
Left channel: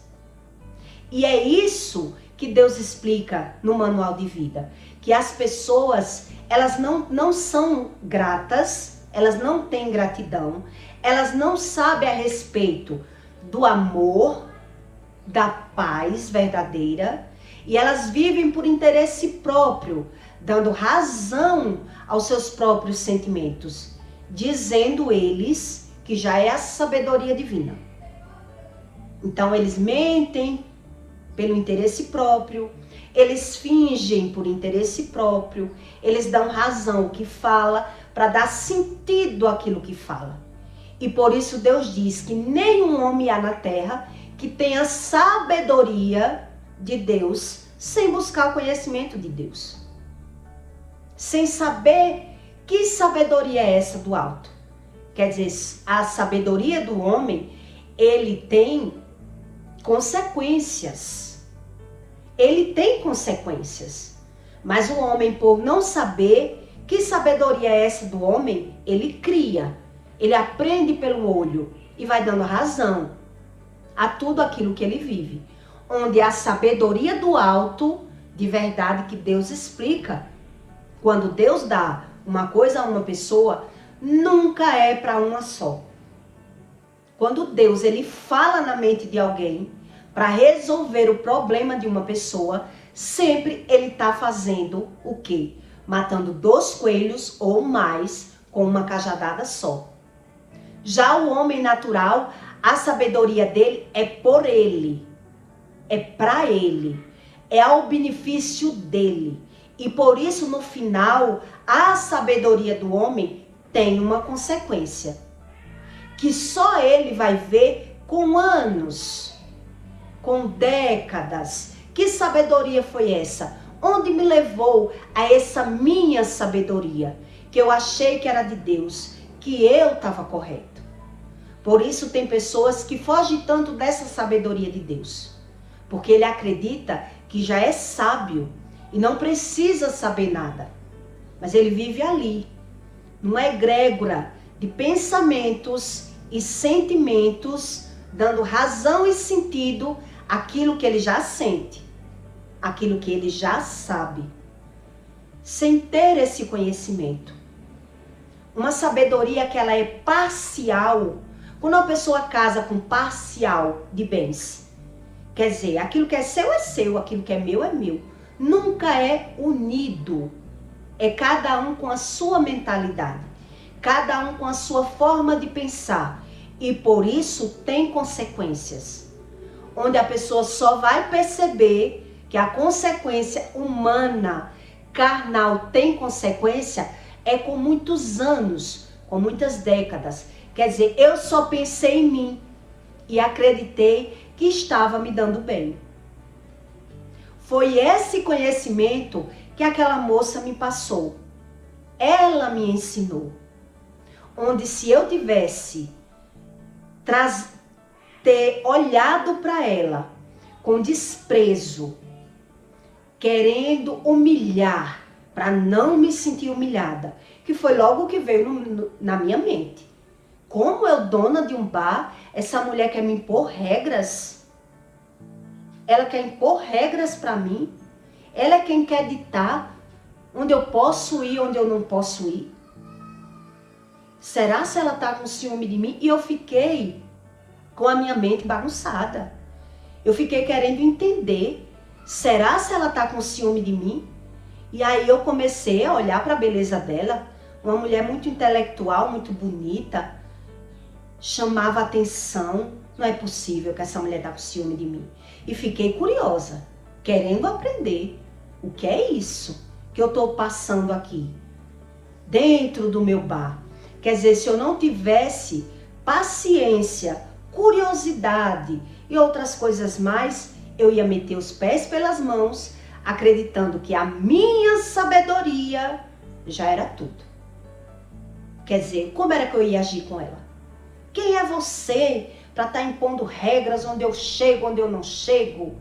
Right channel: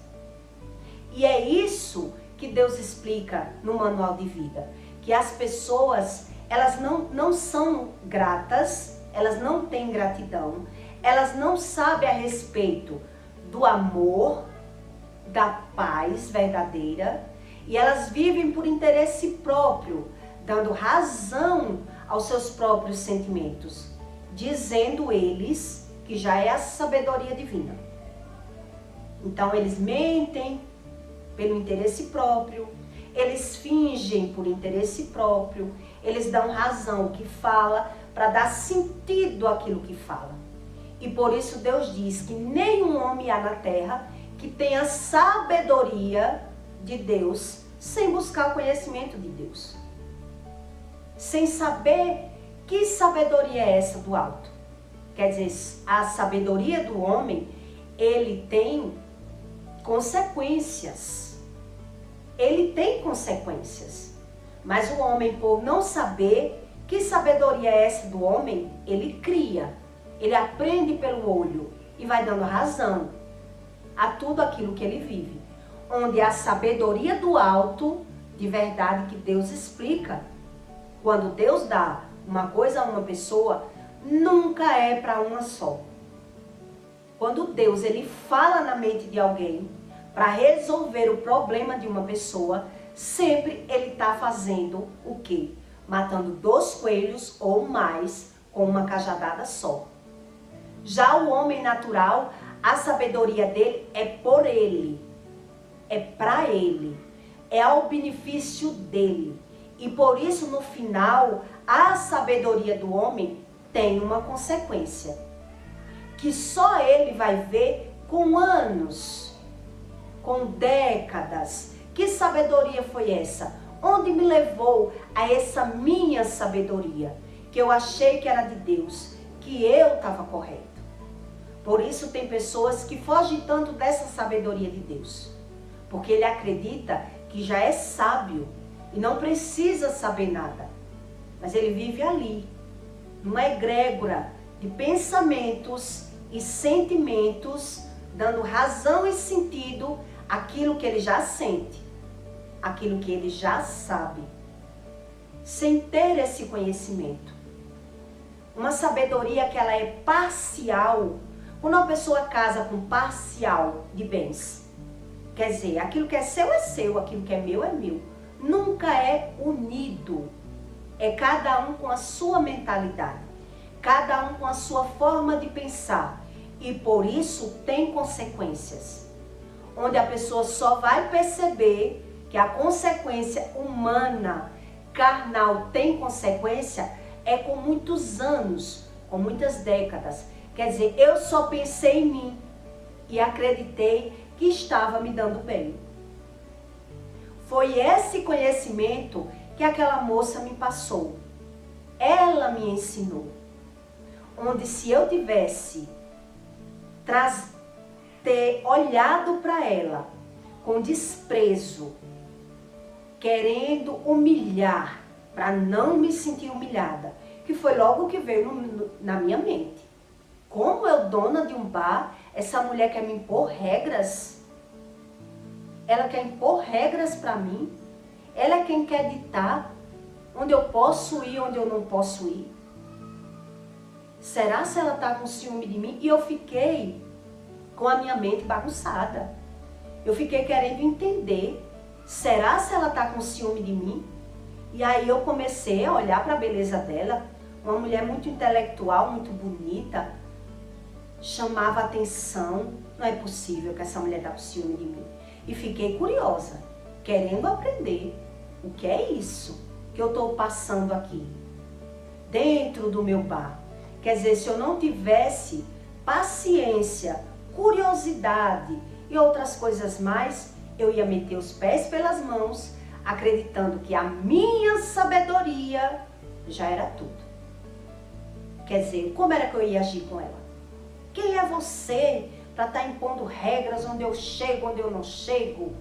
E é isso que Deus explica no manual de vida. Que as pessoas, elas não são gratas, elas não têm gratidão, elas não sabem a respeito do amor, da paz verdadeira, e elas vivem por interesse próprio, dando razão aos seus próprios sentimentos, dizendo eles que já é a sabedoria divina. Então eles mentem pelo interesse próprio, eles fingem por interesse próprio, eles dão razão ao que fala para dar sentido àquilo que fala. E por isso Deus diz que nenhum homem há na terra que tenha sabedoria de Deus sem buscar o conhecimento de Deus. Sem saber que sabedoria é essa do alto. Quer dizer, a sabedoria do homem, ele tem consequências. Ele tem consequências. Mas o homem, por não saber que sabedoria é essa do homem, ele cria. Ele aprende pelo olho e vai dando razão a tudo aquilo que ele vive. Onde a sabedoria do alto, de verdade que Deus explica, quando Deus dá uma coisa a uma pessoa, nunca é para uma só. Quando Deus ele fala na mente de alguém para resolver o problema de uma pessoa, sempre ele está fazendo o quê? Matando 2 coelhos ou mais com uma cajadada só. Já o homem natural, a sabedoria dele é por ele, é para ele, é ao benefício dele. E por isso, no final, a sabedoria do homem tem uma consequência, que só ele vai ver com anos, com décadas. Que sabedoria foi essa? Onde me levou a essa minha sabedoria? Que eu achei que era de Deus, que eu estava correto. Por isso tem pessoas que fogem tanto dessa sabedoria de Deus, porque ele acredita que já é sábio e não precisa saber nada. Mas ele vive ali, numa egrégora de pensamentos e sentimentos, dando razão e sentido àquilo que ele já sente, aquilo que ele já sabe, sem ter esse conhecimento. Uma sabedoria que ela é parcial. Quando uma pessoa casa com parcial de bens, quer dizer, aquilo que é seu, aquilo que é meu. Nunca é unido. É cada um com a sua mentalidade, cada um com a sua forma de pensar. E por isso tem consequências. Onde a pessoa só vai perceber que a consequência humana, carnal, tem consequência, é com muitos anos, com muitas décadas. Quer dizer, eu só pensei em mim e acreditei que estava me dando bem. Foi esse conhecimento que aquela moça me passou. Ela me ensinou. Onde se eu tivesse ter olhado para ela com desprezo, querendo humilhar, para não me sentir humilhada, que foi logo o que veio na minha mente. Como eu, dona de um bar, essa mulher quer me impor regras? Ela quer impor regras para mim? Ela é quem quer ditar onde eu posso ir, onde eu não posso ir? Será se ela tá com ciúme de mim? E eu fiquei com a minha mente bagunçada. Eu fiquei querendo entender. Será se ela tá com ciúme de mim? E aí eu comecei a olhar para a beleza dela. Uma mulher muito intelectual, muito bonita. Chamava atenção. Não é possível que essa mulher tá com ciúme de mim. E fiquei curiosa, querendo aprender. O que é isso que eu tô passando aqui? Dentro do meu bar. Quer dizer, se eu não tivesse paciência, curiosidade e outras coisas mais, eu ia meter os pés pelas mãos, acreditando que a minha sabedoria já era tudo. Quer dizer, como era que eu ia agir com ela? Quem é você para estar impondo regras onde eu chego, onde eu não chego?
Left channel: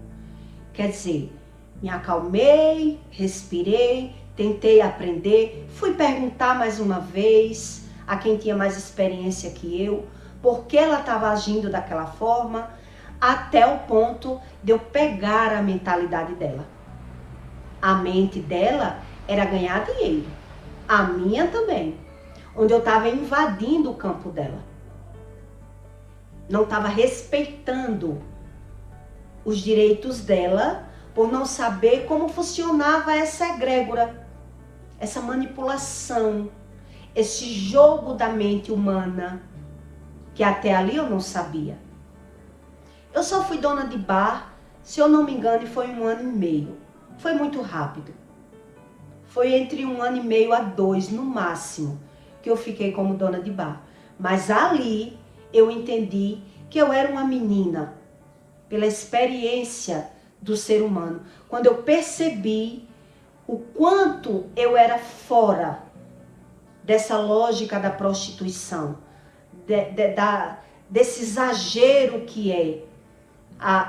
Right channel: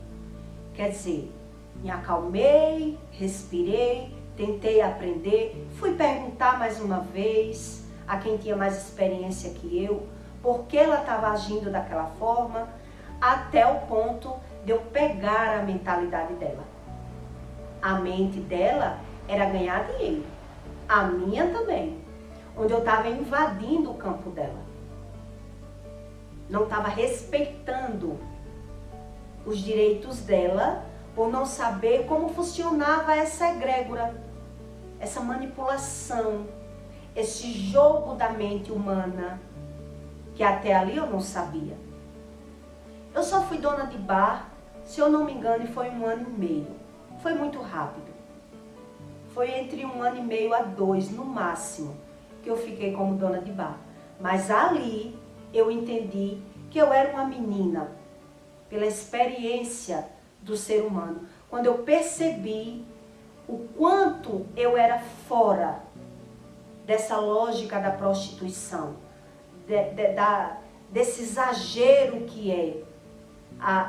Quer dizer, me acalmei, respirei, tentei aprender, fui perguntar mais uma vez a quem tinha mais experiência que eu, por que ela estava agindo daquela forma, até o ponto de eu pegar a mentalidade dela. A mente dela era ganhar dinheiro, a minha também, onde eu estava invadindo o campo dela. Não estava respeitando os direitos dela, por não saber como funcionava essa egrégora, essa manipulação, esse jogo da mente humana, que até ali eu não sabia. Eu só fui dona de bar, se eu não me engano, foi 1 ano e meio. Foi muito rápido. Foi entre 1 ano e meio a 2, no máximo, que eu fiquei como dona de bar. Mas ali eu entendi que eu era uma menina, pela experiência do ser humano. Quando eu percebi o quanto eu era fora dessa lógica da prostituição, desse exagero que é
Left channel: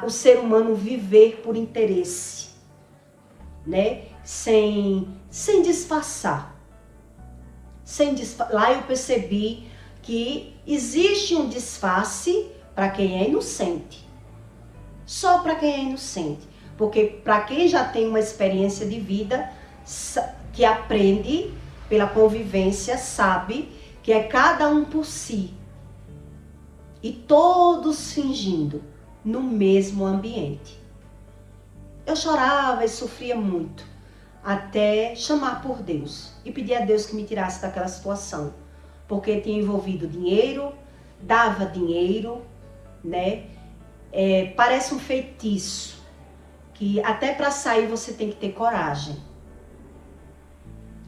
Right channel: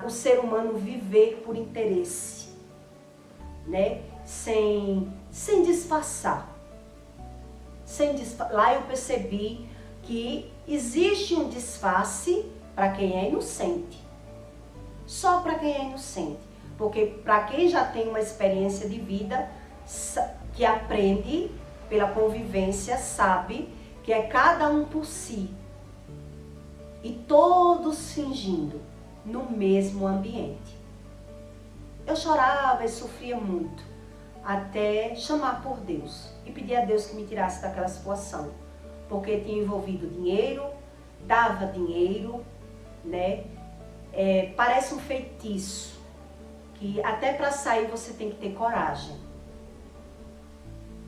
o ser humano viver por interesse, né? Sem disfarçar. Lá eu percebi que existe um disfarce para quem é inocente. Só para quem é inocente. Porque para quem já tem uma experiência de vida, que aprende pela convivência, sabe que é cada um por si. E todos fingindo no mesmo ambiente. Eu chorava e sofria muito, até chamar por Deus e pedir a Deus que me tirasse daquela situação. Porque tinha envolvido dinheiro, dava dinheiro, né? Parece um feitiço, que até para sair você tem que ter coragem.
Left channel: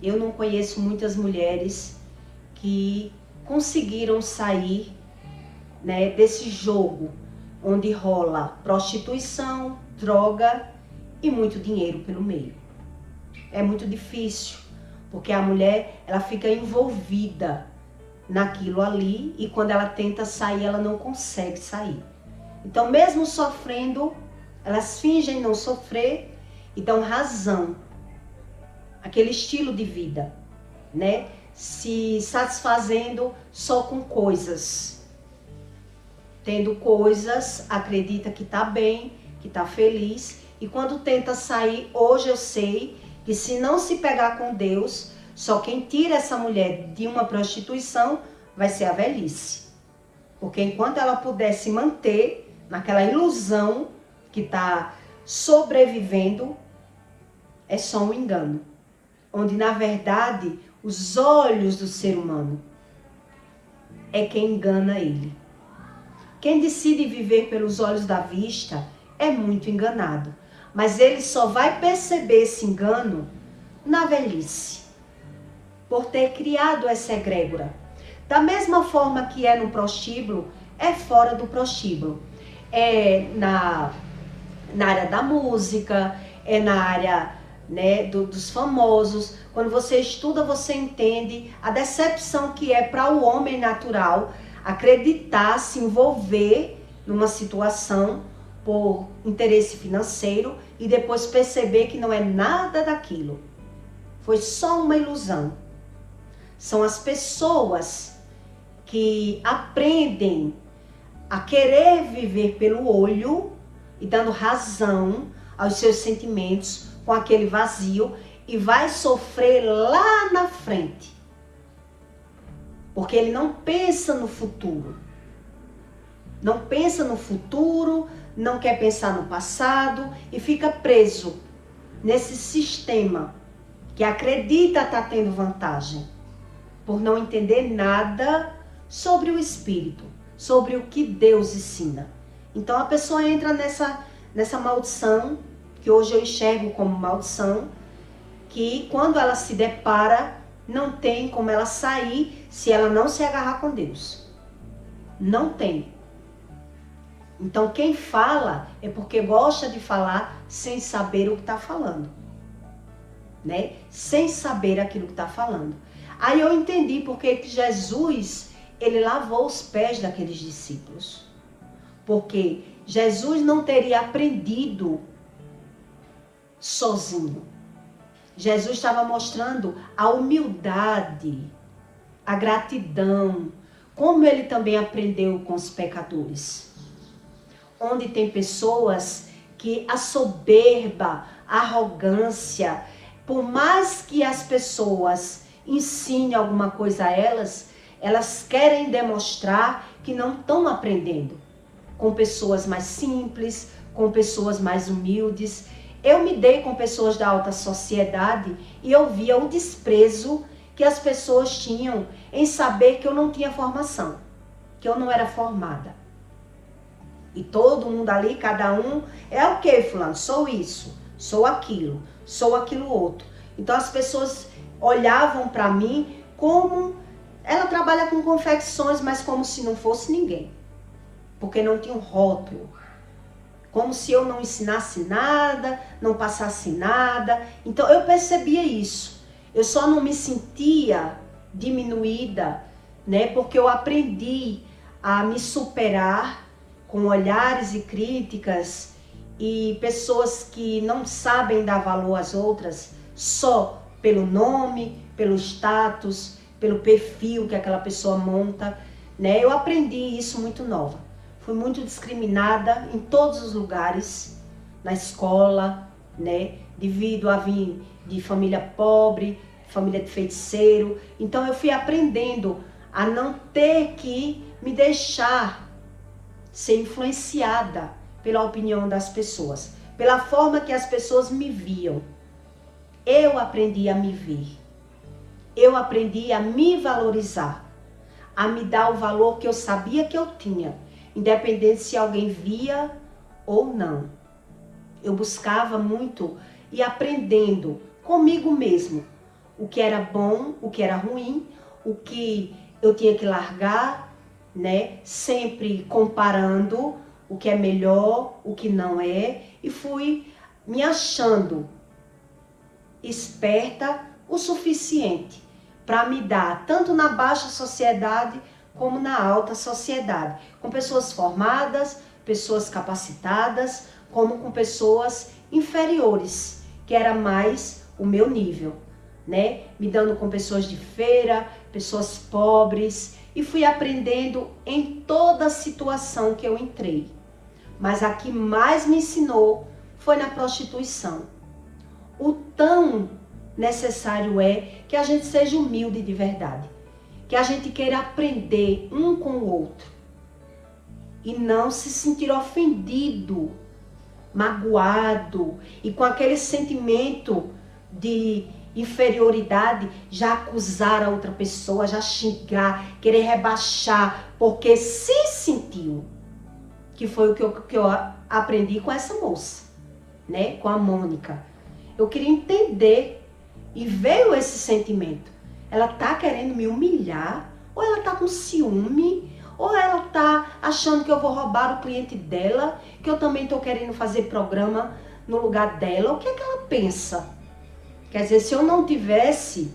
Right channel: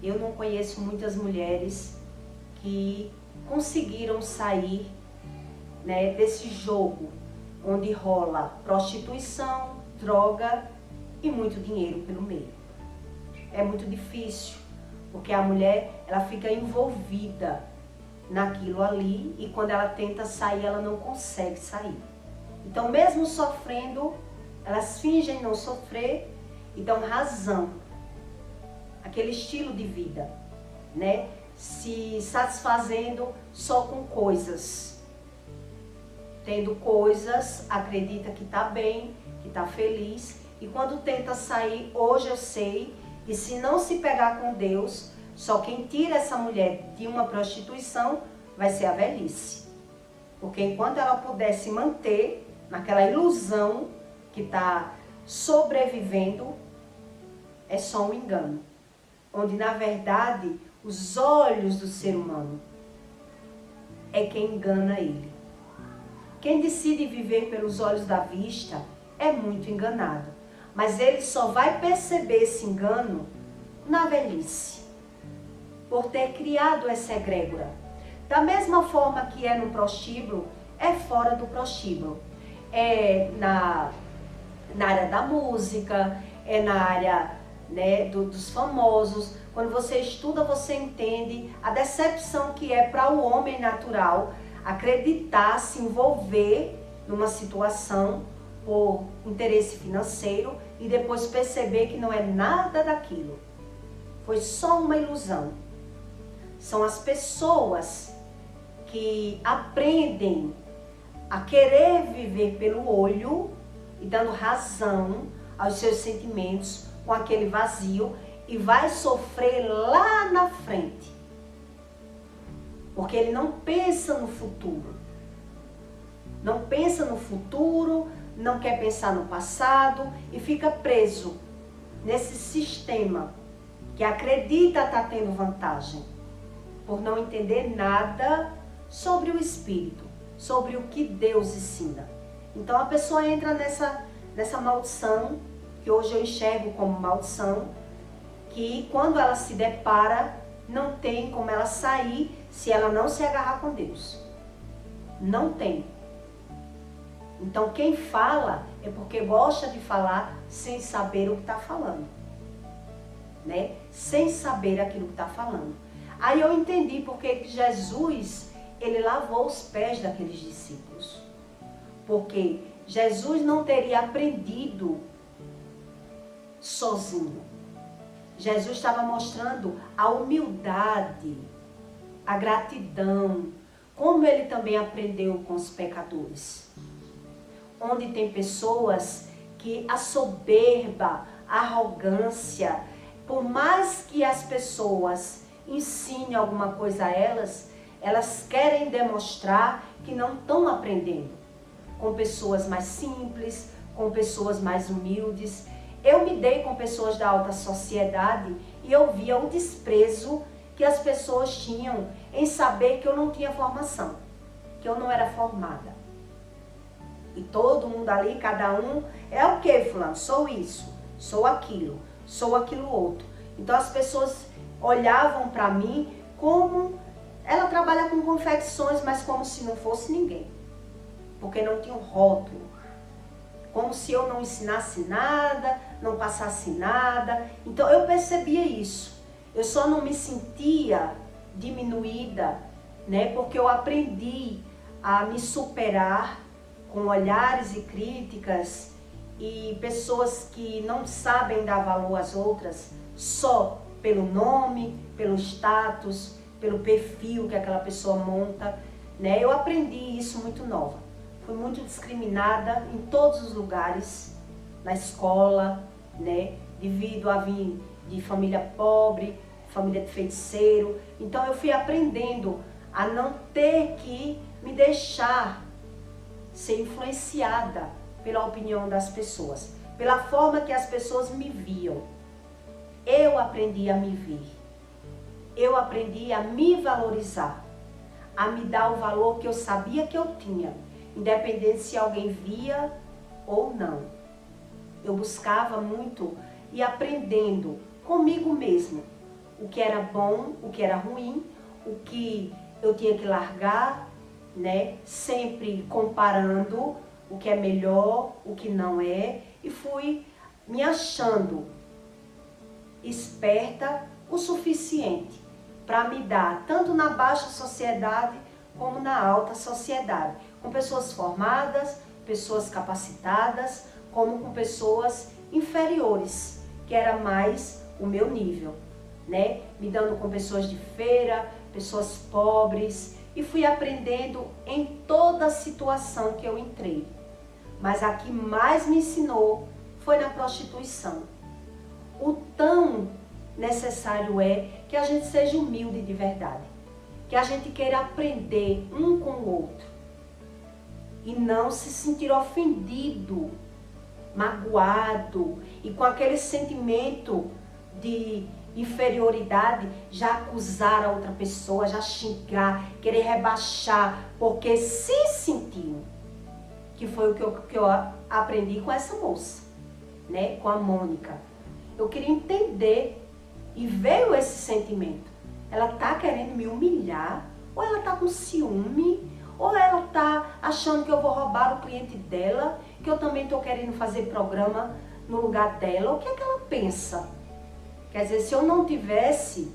Eu não conheço muitas mulheres que conseguiram sair, né, desse jogo, onde rola prostituição, droga e muito dinheiro pelo meio. É muito difícil, porque a mulher, ela fica envolvida naquilo ali e quando ela tenta sair, ela não consegue sair. Então, mesmo sofrendo, elas fingem não sofrer e dão razão àquele estilo de vida, né? Se satisfazendo só com coisas. Tendo coisas, acredita que tá bem, que tá feliz. E quando tenta sair, hoje eu sei que se não se pegar com Deus, só quem tira essa mulher de uma prostituição vai ser a velhice. Porque enquanto ela puder se manter naquela ilusão que está sobrevivendo, é só um engano. Onde, na verdade, os olhos do ser humano é quem engana ele. Quem decide viver pelos olhos da vista é muito enganado. Mas ele só vai perceber esse engano na velhice, por ter criado essa egrégora. Da mesma forma que é no prostíbulo, é fora do prostíbulo. É na área da música, é na área, né, dos famosos. Quando você estuda, você entende a decepção que é para o homem natural acreditar, se envolver numa situação por interesse financeiro e depois perceber que não é nada daquilo. Foi só uma ilusão. São as pessoas que aprendem a querer viver pelo olho e dando razão aos seus sentimentos com aquele vazio e vai sofrer lá na frente. Porque ele não pensa no futuro. Não pensa no futuro, não quer pensar no passado e fica preso nesse sistema que acredita estar tendo vantagem, por não entender nada sobre o espírito, sobre o que Deus ensina. Então a pessoa entra nessa maldição, que hoje eu enxergo como maldição, que quando ela se depara, não tem como ela sair se ela não se agarrar com Deus. Não tem. Então quem fala é porque gosta de falar sem saber o que está falando, né? Sem saber aquilo que está falando. Aí eu entendi porque que Jesus, ele lavou os pés daqueles discípulos. Porque Jesus não teria aprendido sozinho. Jesus estava mostrando a humildade, a gratidão, como ele também aprendeu com os pecadores. Onde tem pessoas que a soberba, a arrogância, por mais que as pessoas ensinem alguma coisa a elas, elas querem demonstrar que não estão aprendendo. Com pessoas mais simples, com pessoas mais humildes. Eu me dei com pessoas da alta sociedade e eu via o desprezo que as pessoas tinham em saber que eu não tinha formação, que eu não era formada. E todo mundo ali, cada um, é o que, fulano? Sou isso, sou aquilo outro. Então as pessoas olhavam para mim como, ela trabalha com confecções, mas como se não fosse ninguém. Porque não tinha um rótulo. Como se eu não ensinasse nada, não passasse nada. Então eu percebia isso. Eu só não me sentia diminuída, né? Porque eu aprendi a me superar com olhares e críticas e pessoas que não sabem dar valor às outras só pelo nome, pelo status, pelo perfil que aquela pessoa monta, né? Eu aprendi isso muito nova. Fui muito discriminada em todos os lugares, na escola, né? Devido a vir de família pobre, família de feiticeiro. Então eu fui aprendendo a não ter que me deixar ser influenciada pela opinião das pessoas, pela forma que as pessoas me viam. Eu aprendi a me ver. Eu aprendi a me valorizar, a me dar o valor que eu sabia que eu tinha, independente se alguém via ou não. Eu buscava muito e aprendendo comigo mesmo o que era bom, o que era ruim, o que eu tinha que largar, né? Sempre comparando o que é melhor, o que não é, e fui me achando esperta o suficiente para me dar tanto na baixa sociedade como na alta sociedade, com pessoas formadas, pessoas capacitadas, como com pessoas inferiores, que era mais o meu nível, né? Me dando com pessoas de feira, pessoas pobres, e fui aprendendo em toda situação que eu entrei. Mas a que mais me ensinou foi na prostituição. O tão necessário é que a gente seja humilde de verdade, que a gente queira aprender um com o outro e não se sentir ofendido, magoado e com aquele sentimento de inferioridade, já acusar a outra pessoa, já xingar, querer rebaixar, porque se sentiu, que foi o que eu aprendi com essa moça, né? Com a Mônica. Eu queria entender e veio esse sentimento. Ela tá querendo me humilhar, ou ela tá com ciúme, ou ela tá achando que eu vou roubar o cliente dela, que eu também tô querendo fazer programa no lugar dela. O que é que ela pensa? Quer dizer, se eu não tivesse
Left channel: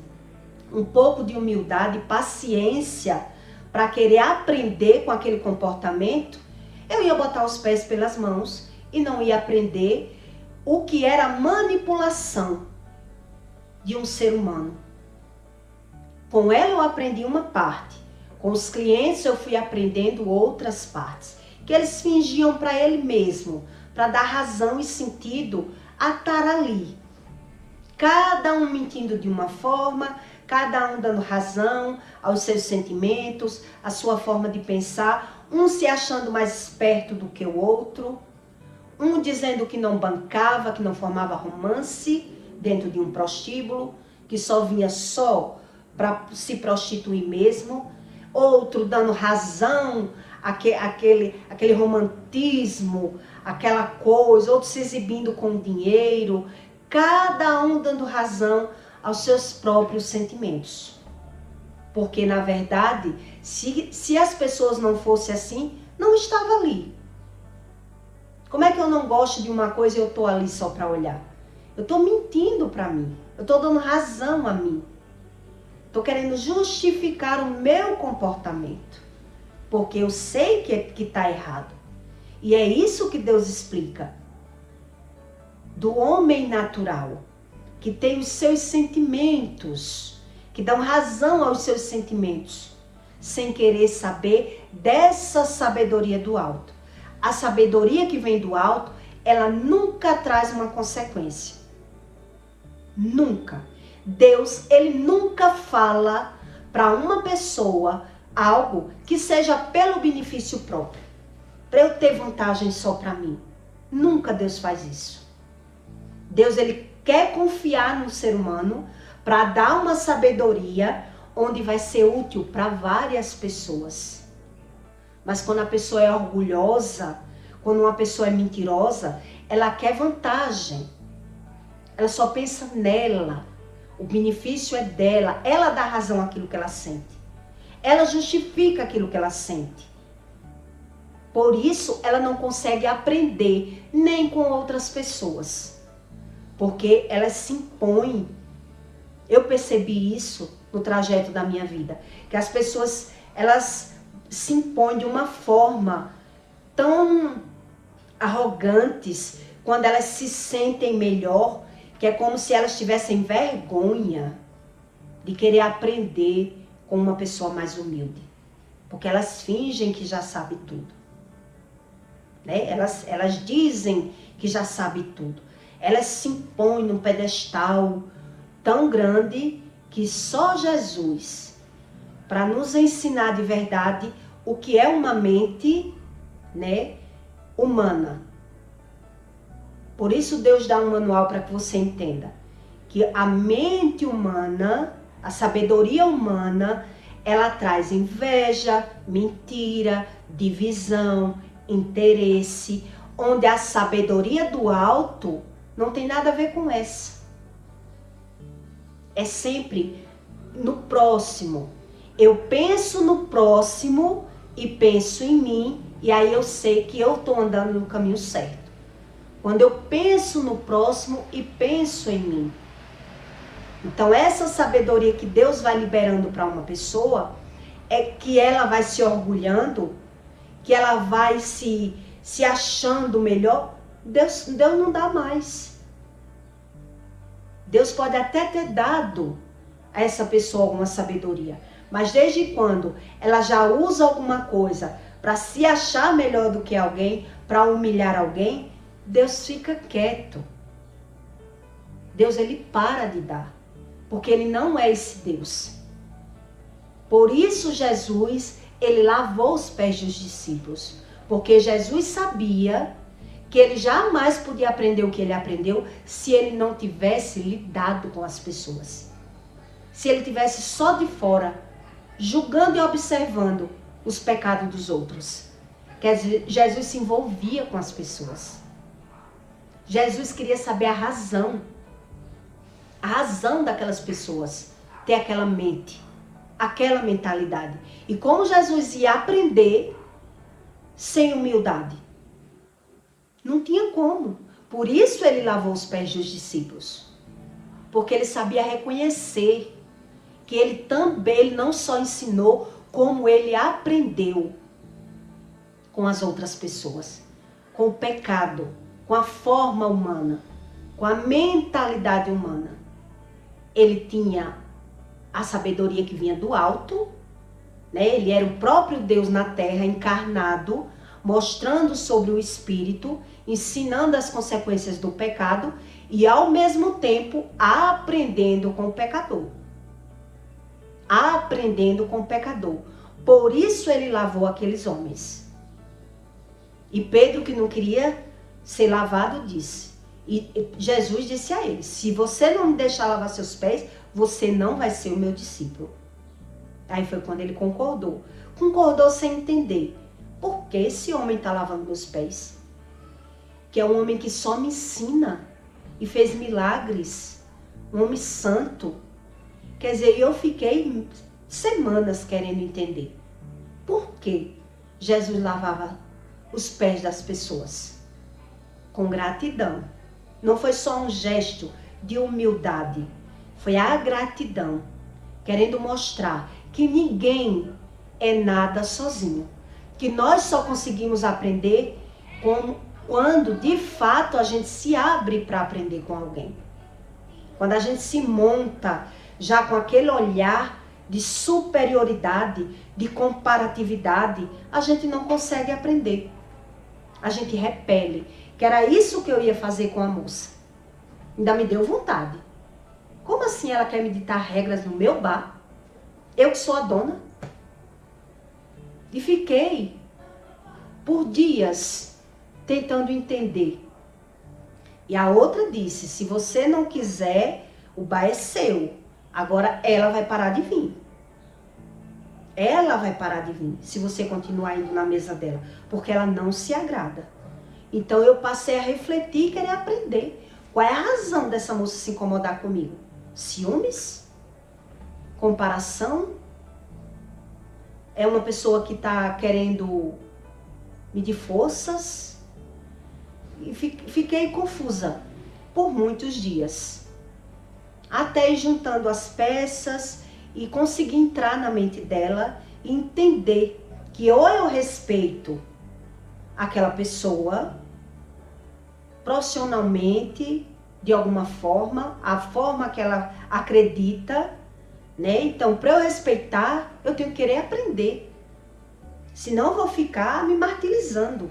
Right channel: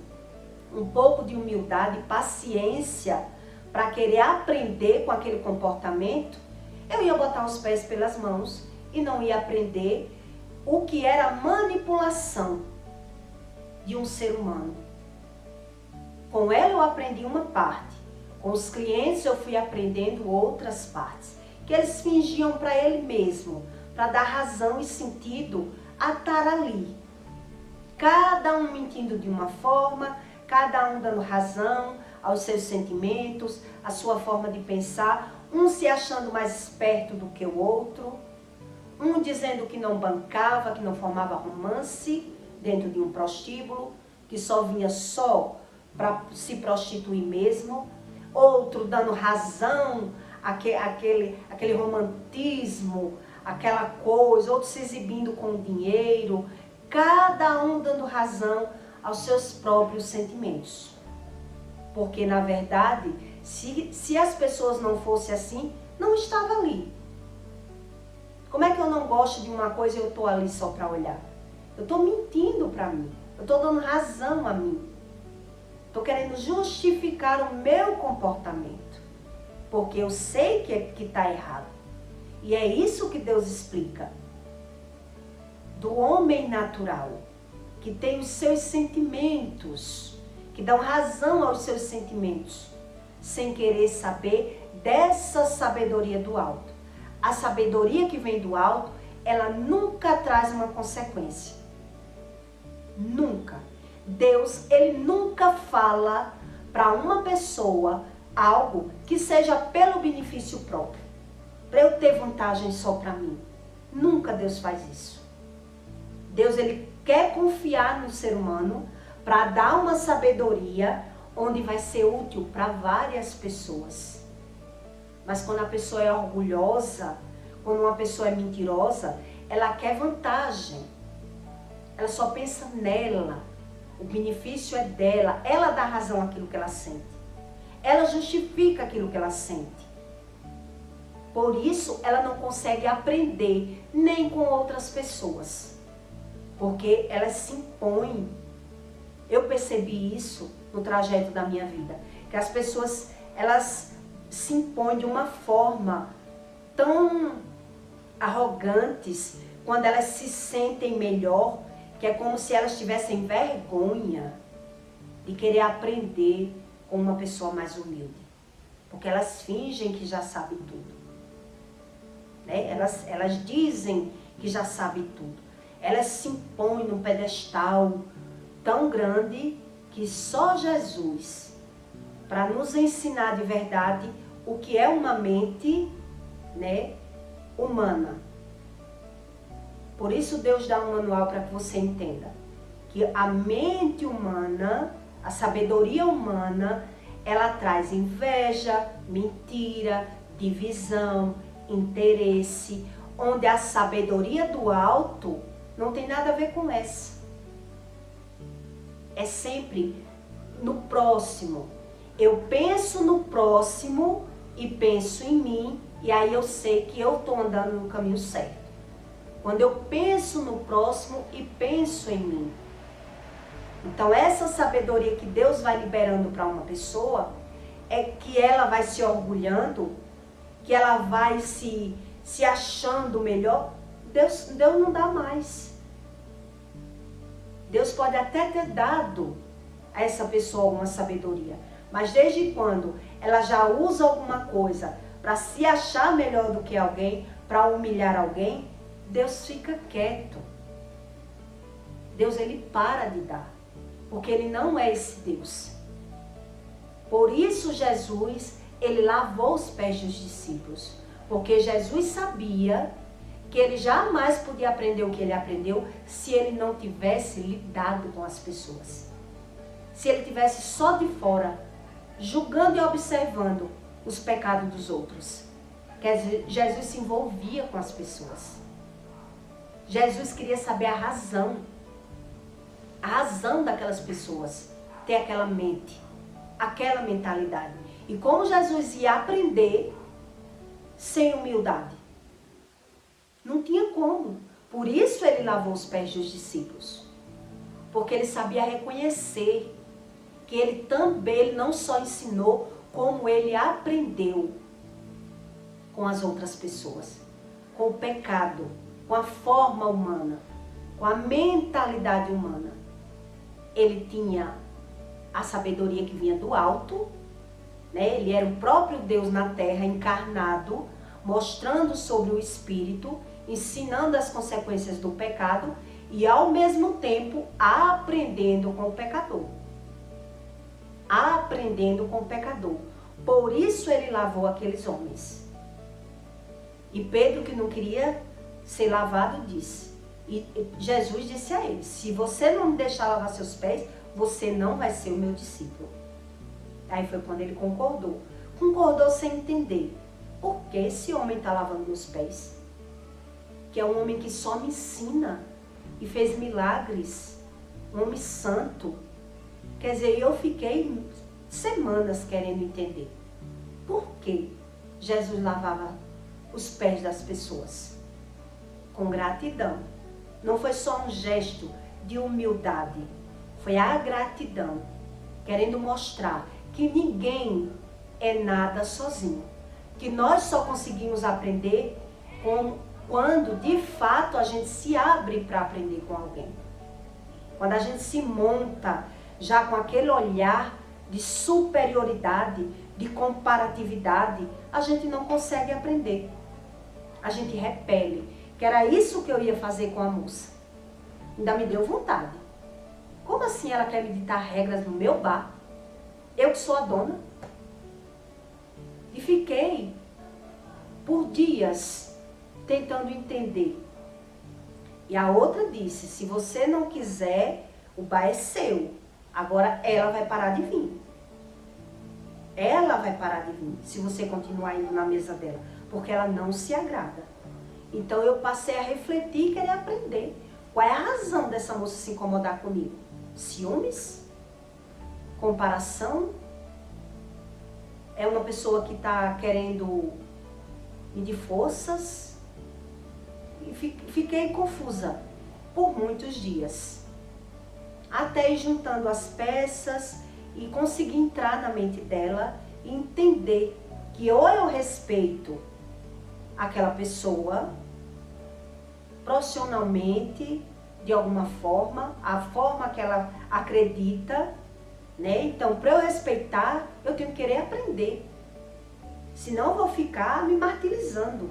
um pouco de humildade e paciência para querer aprender com aquele comportamento, eu ia botar os pés pelas mãos e não ia aprender o que era manipulação de um ser humano. Com ela eu aprendi uma parte, com os clientes eu fui aprendendo outras partes, que eles fingiam para ele mesmo, para dar razão e sentido a estar ali. Cada um mentindo de uma forma, cada um dando razão aos seus sentimentos, à sua forma de pensar, um se achando mais esperto do que o outro, um dizendo que não bancava, que não formava romance dentro de um prostíbulo, que só vinha só para se prostituir mesmo, outro dando razão aquele romantismo, aquela coisa, outro se exibindo com dinheiro, cada um dando razão aos seus próprios sentimentos. Porque, na verdade, se as pessoas não fossem assim, não estava ali. Como é que eu não gosto de uma coisa e eu estou ali só para olhar? Eu estou mentindo para mim, eu estou dando razão a mim. Estou querendo justificar o meu comportamento, porque eu sei que está errado. E é isso que Deus explica. Do homem natural, que tem os seus sentimentos, que dão razão aos seus sentimentos, sem querer saber dessa sabedoria do alto. A sabedoria que vem do alto, ela nunca traz uma consequência. Nunca. Deus, ele nunca fala para uma pessoa algo que seja pelo benefício próprio, para eu ter vantagem só para mim. Nunca Deus faz isso. Deus, ele quer confiar no ser humano para dar uma sabedoria onde vai ser útil para várias pessoas. Mas quando a pessoa é orgulhosa, quando uma pessoa é mentirosa, ela quer vantagem. Ela só pensa nela. O benefício é dela. Ela dá razão àquilo que ela sente. Ela justifica aquilo que ela sente. Por isso, ela não consegue aprender nem com outras pessoas. Porque ela se impõe. Eu percebi isso no trajeto da minha vida. Que as pessoas, elas se impõem de uma forma tão arrogantes, quando elas se sentem melhor, que é como se elas tivessem vergonha de querer aprender com uma pessoa mais humilde. Porque elas fingem que já sabem tudo. Né? Elas dizem que já sabem tudo. Elas se impõem num pedestal tão grande que só Jesus, para nos ensinar de verdade o que é uma mente, né, humana. Por isso Deus dá um manual para que você entenda que a mente humana, a sabedoria humana, ela traz inveja, mentira, divisão, interesse, onde a sabedoria do alto não tem nada a ver com essa. É sempre no próximo. Eu penso no próximo e penso em mim, e aí eu sei que eu estou andando no caminho certo. Quando eu penso no próximo e penso em mim. Então essa sabedoria que Deus vai liberando para uma pessoa, é que ela vai se orgulhando, que ela vai se achando melhor. Deus não dá mais. Deus pode até ter dado a essa pessoa alguma sabedoria, mas desde quando ela já usa alguma coisa para se achar melhor do que alguém, para humilhar alguém, Deus fica quieto. Deus, ele para de dar, porque ele não é esse Deus. Por isso Jesus, ele lavou os pés dos discípulos, porque Jesus sabia que ele jamais podia aprender o que ele aprendeu se ele não tivesse lidado com as pessoas. Se ele tivesse só de fora, julgando e observando os pecados dos outros. Quer dizer, Jesus se envolvia com as pessoas. Jesus queria saber a razão daquelas pessoas ter aquela mente, aquela mentalidade. E como Jesus ia aprender sem humildade? Não tinha como. Por isso ele lavou os pés dos discípulos. Porque ele sabia reconhecer que ele também não só ensinou, como ele aprendeu com as outras pessoas, com o pecado, com a forma humana, com a mentalidade humana. Ele tinha a sabedoria que vinha do alto, né? Ele era o próprio Deus na terra, encarnado, mostrando sobre o Espírito, ensinando as consequências do pecado e, ao mesmo tempo, aprendendo com o pecador. Aprendendo com o pecador. Por isso ele lavou aqueles homens. E Pedro, que não queria ser lavado, disse. E Jesus disse a ele: se você não me deixar lavar seus pés, você não vai ser o meu discípulo. Aí foi quando ele concordou. Concordou sem entender. Por que esse homem está lavando meus pés? Que é um homem que só me ensina e fez milagres. Um homem santo. Quer dizer, eu fiquei semanas querendo entender. Por que Jesus lavava os pés das pessoas? Com gratidão. Não foi só um gesto de humildade. Foi a gratidão. Querendo mostrar que ninguém é nada sozinho. Que nós só conseguimos aprender quando de fato a gente se abre para aprender com alguém. Quando a gente se monta já com aquele olhar de superioridade, de comparatividade, a gente não consegue aprender. A gente repele. Que era isso que eu ia fazer com a moça. Ainda me deu vontade. Como assim ela quer me ditar regras no meu bar? Eu que sou a dona? E fiquei por dias tentando entender. E a outra disse: se você não quiser, o bar é seu. Agora ela vai parar de vir. Ela vai parar de vir se você continuar indo na mesa dela, porque ela não se agrada. Então eu passei a refletir e querer aprender. Qual é a razão dessa moça se incomodar comigo? Ciúmes? Comparação? É uma pessoa que está querendo medir forças? E fiquei confusa por muitos dias. Até ir juntando as peças e conseguir entrar na mente dela e entender que ou eu respeito aquela pessoa profissionalmente, de alguma forma, a forma que ela acredita, né? Então, para eu respeitar, eu tenho que querer aprender. Senão eu vou ficar me martirizando,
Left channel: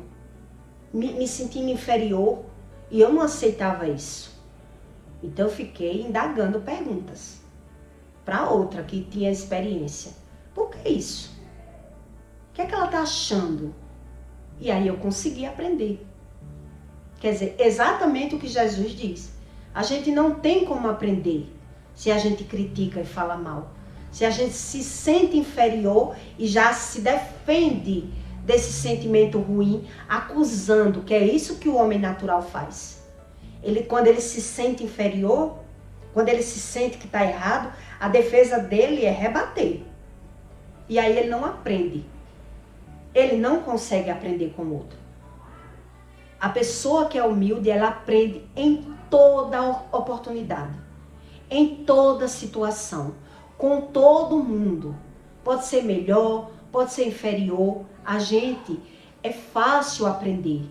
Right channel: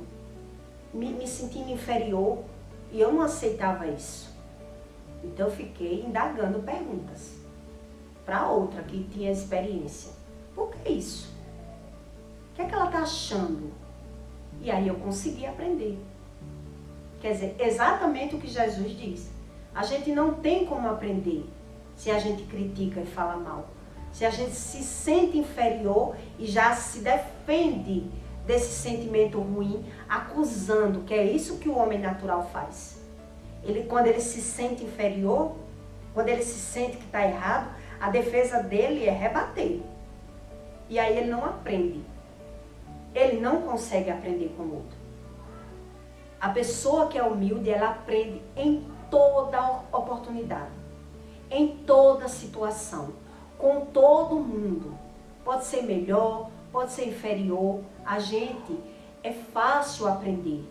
me sentindo inferior. E eu não aceitava isso. Então eu fiquei indagando perguntas para outra que tinha experiência. Por que isso? O que é que ela está achando? E aí eu consegui aprender. Quer dizer, exatamente o que Jesus diz. A gente não tem como aprender se a gente critica e fala mal. Se a gente se sente inferior e já se defende desse sentimento ruim, acusando, que é isso que o homem natural faz. Quando ele se sente inferior, quando ele se sente que está errado, a defesa dele é rebater. E aí ele não aprende. Ele não consegue aprender com o outro. A pessoa que é humilde, ela aprende em toda oportunidade, em toda situação, com todo mundo. Pode ser melhor, pode ser inferior. A gente é fácil aprender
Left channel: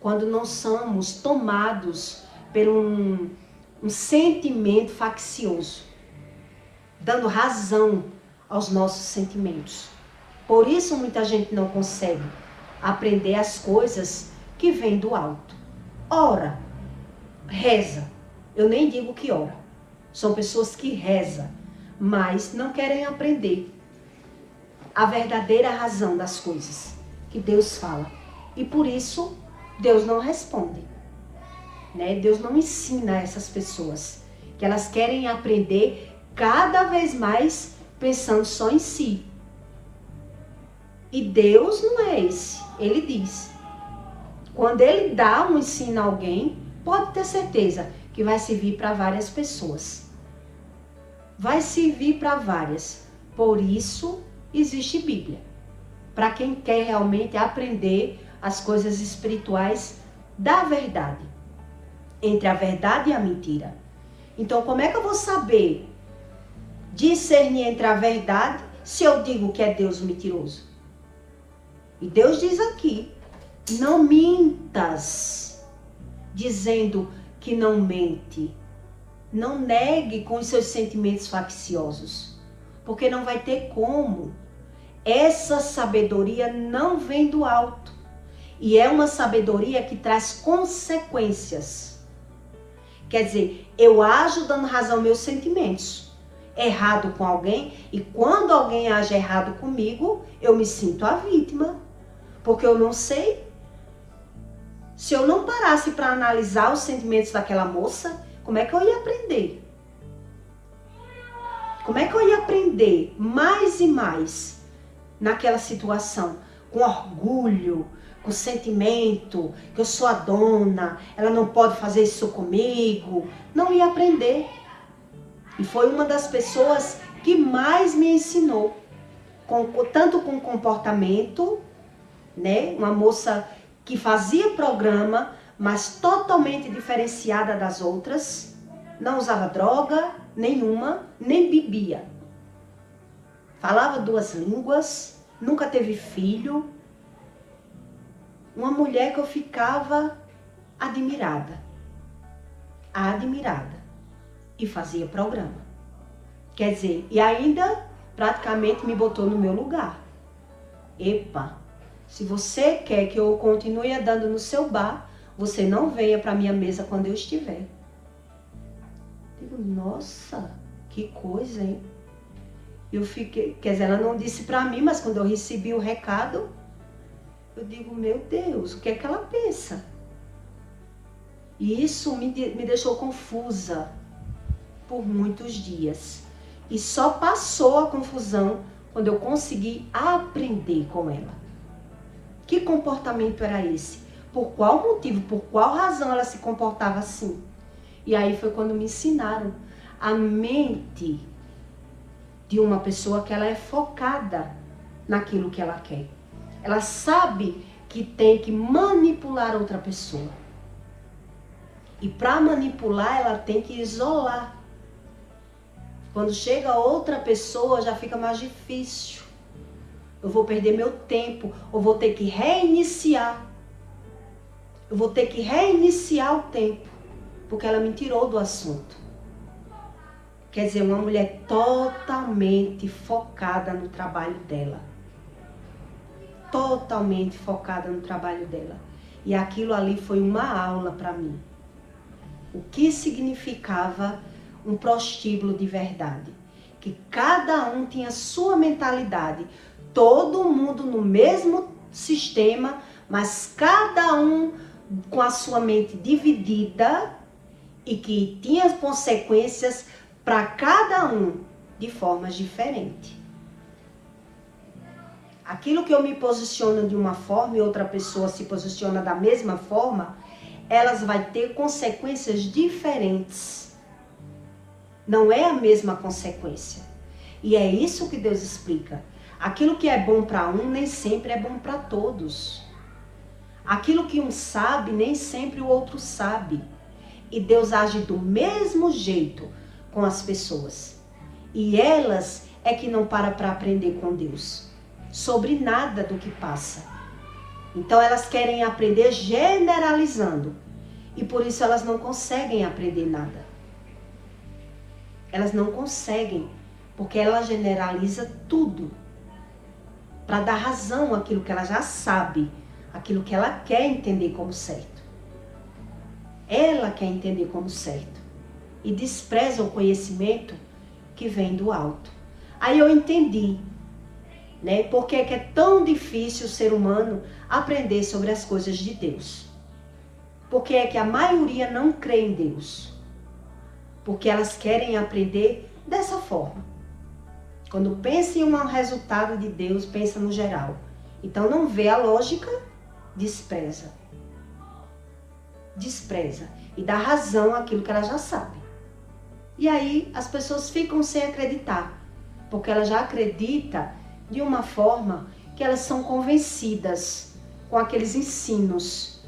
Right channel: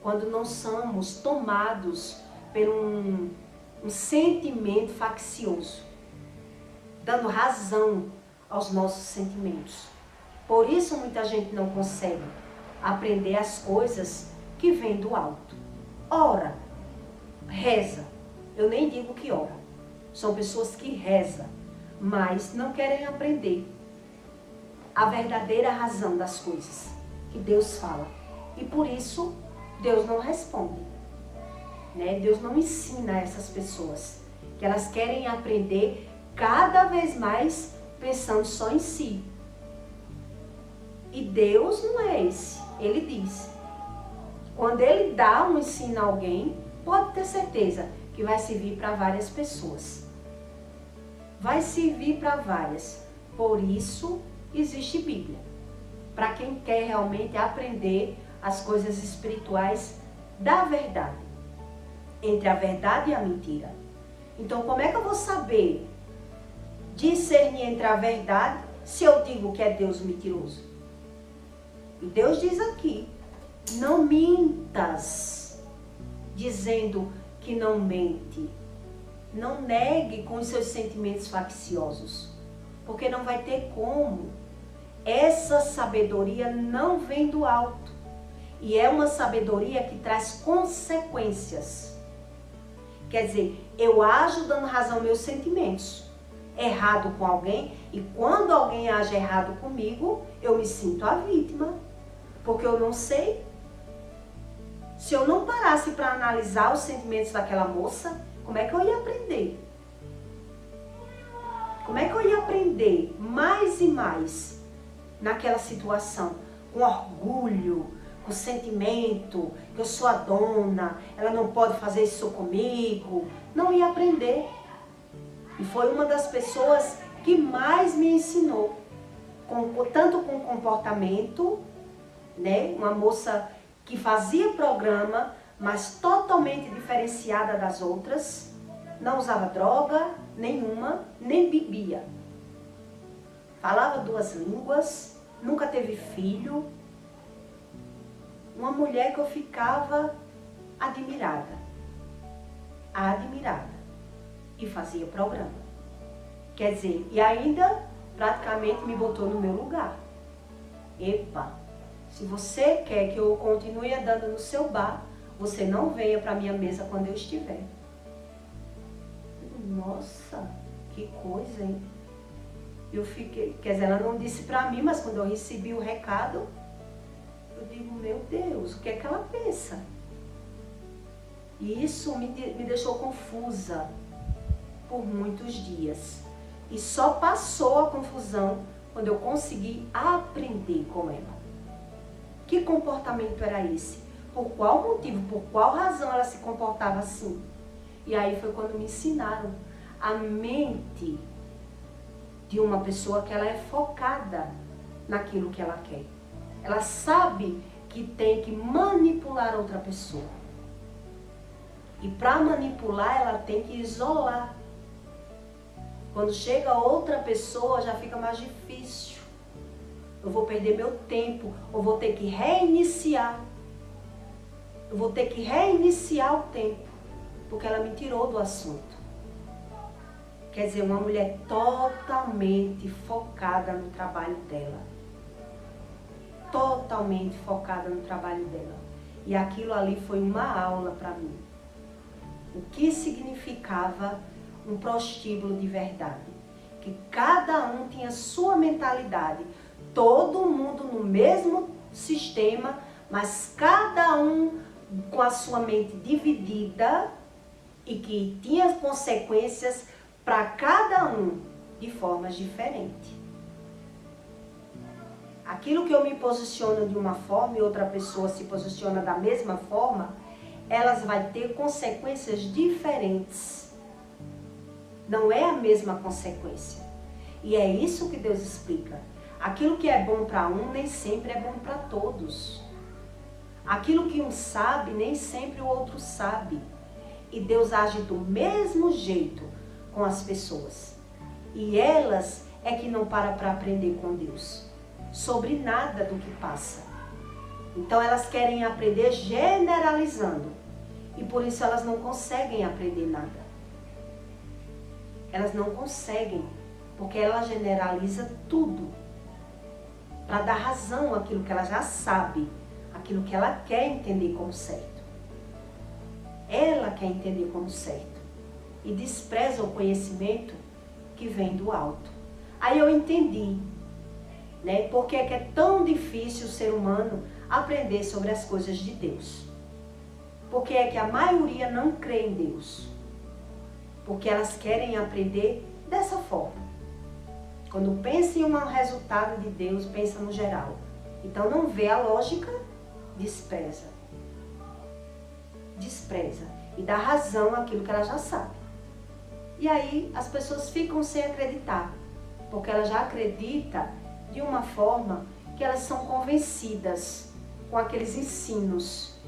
quando não somos tomados por um sentimento faccioso, dando razão aos nossos sentimentos. Por isso muita gente não consegue aprender as coisas que vêm do alto. Ora, reza. Eu nem digo que ora. São pessoas que rezam, mas não querem aprender a verdadeira razão das coisas que Deus fala. E por isso Deus não responde, né? Deus não ensina essas pessoas, que elas querem aprender cada vez mais pensando só em si. E Deus não é esse. Ele diz, quando Ele dá um ensino a alguém, pode ter certeza que vai servir para várias pessoas. Vai servir para várias. Por isso existe Bíblia. Para quem quer realmente aprender as coisas espirituais da verdade. Entre a verdade e a mentira. Então, como é que eu vou saber discernir entre a verdade se eu digo que é Deus o mentiroso? E Deus diz aqui, não mintas, dizendo que não mente. Não negue com os seus sentimentos facciosos, porque não vai ter como. Essa sabedoria não vem do alto. E é uma sabedoria que traz consequências. Quer dizer, eu ajo dando razão aos meus sentimentos. Errado com alguém, e quando alguém age errado comigo, eu me sinto a vítima. Porque eu não sei. Se eu não parasse para analisar os sentimentos daquela moça, como é que eu ia aprender? Como é que eu ia aprender mais e mais naquela situação? Com orgulho, com sentimento, que eu sou a dona, ela não pode fazer isso comigo. Não ia aprender. E foi uma das pessoas que mais me ensinou, tanto com comportamento, né? Uma moça que fazia programa, mas totalmente diferenciada das outras, não usava droga nenhuma, nem bebia. Falava 2 línguas, nunca teve filho. Uma mulher que eu ficava admirada. E fazia programa. Quer dizer, e ainda praticamente me botou no meu lugar. Epa, se você quer que eu continue andando no seu bar, você não venha para minha mesa quando eu estiver. Digo, nossa, que coisa, hein? Eu fiquei, quer dizer, ela não disse para mim, mas quando eu recebi o recado, eu digo, meu Deus, o que é que ela pensa? E isso me deixou confusa por muitos dias. E só passou a confusão quando eu consegui aprender com ela. Que comportamento era esse? Por qual motivo, por qual razão ela se comportava assim? E aí foi quando me ensinaram a mente de uma pessoa que ela é focada naquilo que ela quer. Ela sabe que tem que manipular outra pessoa. E para manipular, ela tem que isolar. Quando chega outra pessoa, já fica mais difícil. Eu vou perder meu tempo, eu vou ter que reiniciar. Eu vou ter que reiniciar o tempo, porque ela me tirou do assunto. Quer dizer, uma mulher totalmente focada no trabalho dela. Totalmente focada no trabalho dela. E aquilo ali foi uma aula para mim. O que significava um prostíbulo de verdade? Que cada um tinha sua mentalidade. Todo mundo no mesmo sistema, mas cada um com a sua mente dividida e que tinha consequências para cada um de formas diferentes. Aquilo que eu me posiciono de uma forma e outra pessoa se posiciona da mesma forma, elas vão ter consequências diferentes. Não é a mesma consequência. E é isso que Deus explica. Aquilo que é bom para um nem sempre é bom para todos. Aquilo que um sabe, nem sempre o outro sabe. E Deus age do mesmo jeito com as pessoas. E elas é que não param para aprender com Deus sobre nada do que passa. Então elas querem aprender generalizando. E por isso elas não conseguem aprender nada. Elas não conseguem, porque ela generaliza tudo para dar razão àquilo que ela já sabe, aquilo que ela quer entender como certo. Ela quer entender como certo e despreza o conhecimento que vem do alto. Aí eu entendi, né, porque é que é tão difícil o ser humano aprender sobre as coisas de Deus. Porque é que a maioria não crê em Deus. Porque elas querem aprender dessa forma. Quando pensa em um resultado de Deus, pensa no geral. Então não vê a lógica, despreza. Despreza. E dá razão àquilo que ela já sabe. E aí as pessoas ficam sem acreditar. Porque ela já acredita de uma forma que elas são convencidas com aqueles ensinos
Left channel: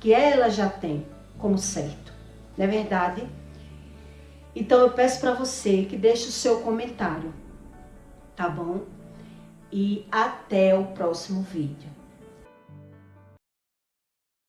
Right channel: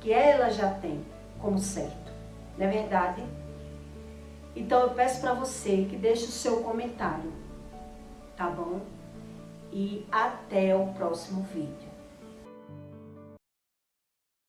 que ela já tem como certo. Não é verdade? Então eu peço para você que deixe o seu comentário, tá bom? E até o próximo vídeo.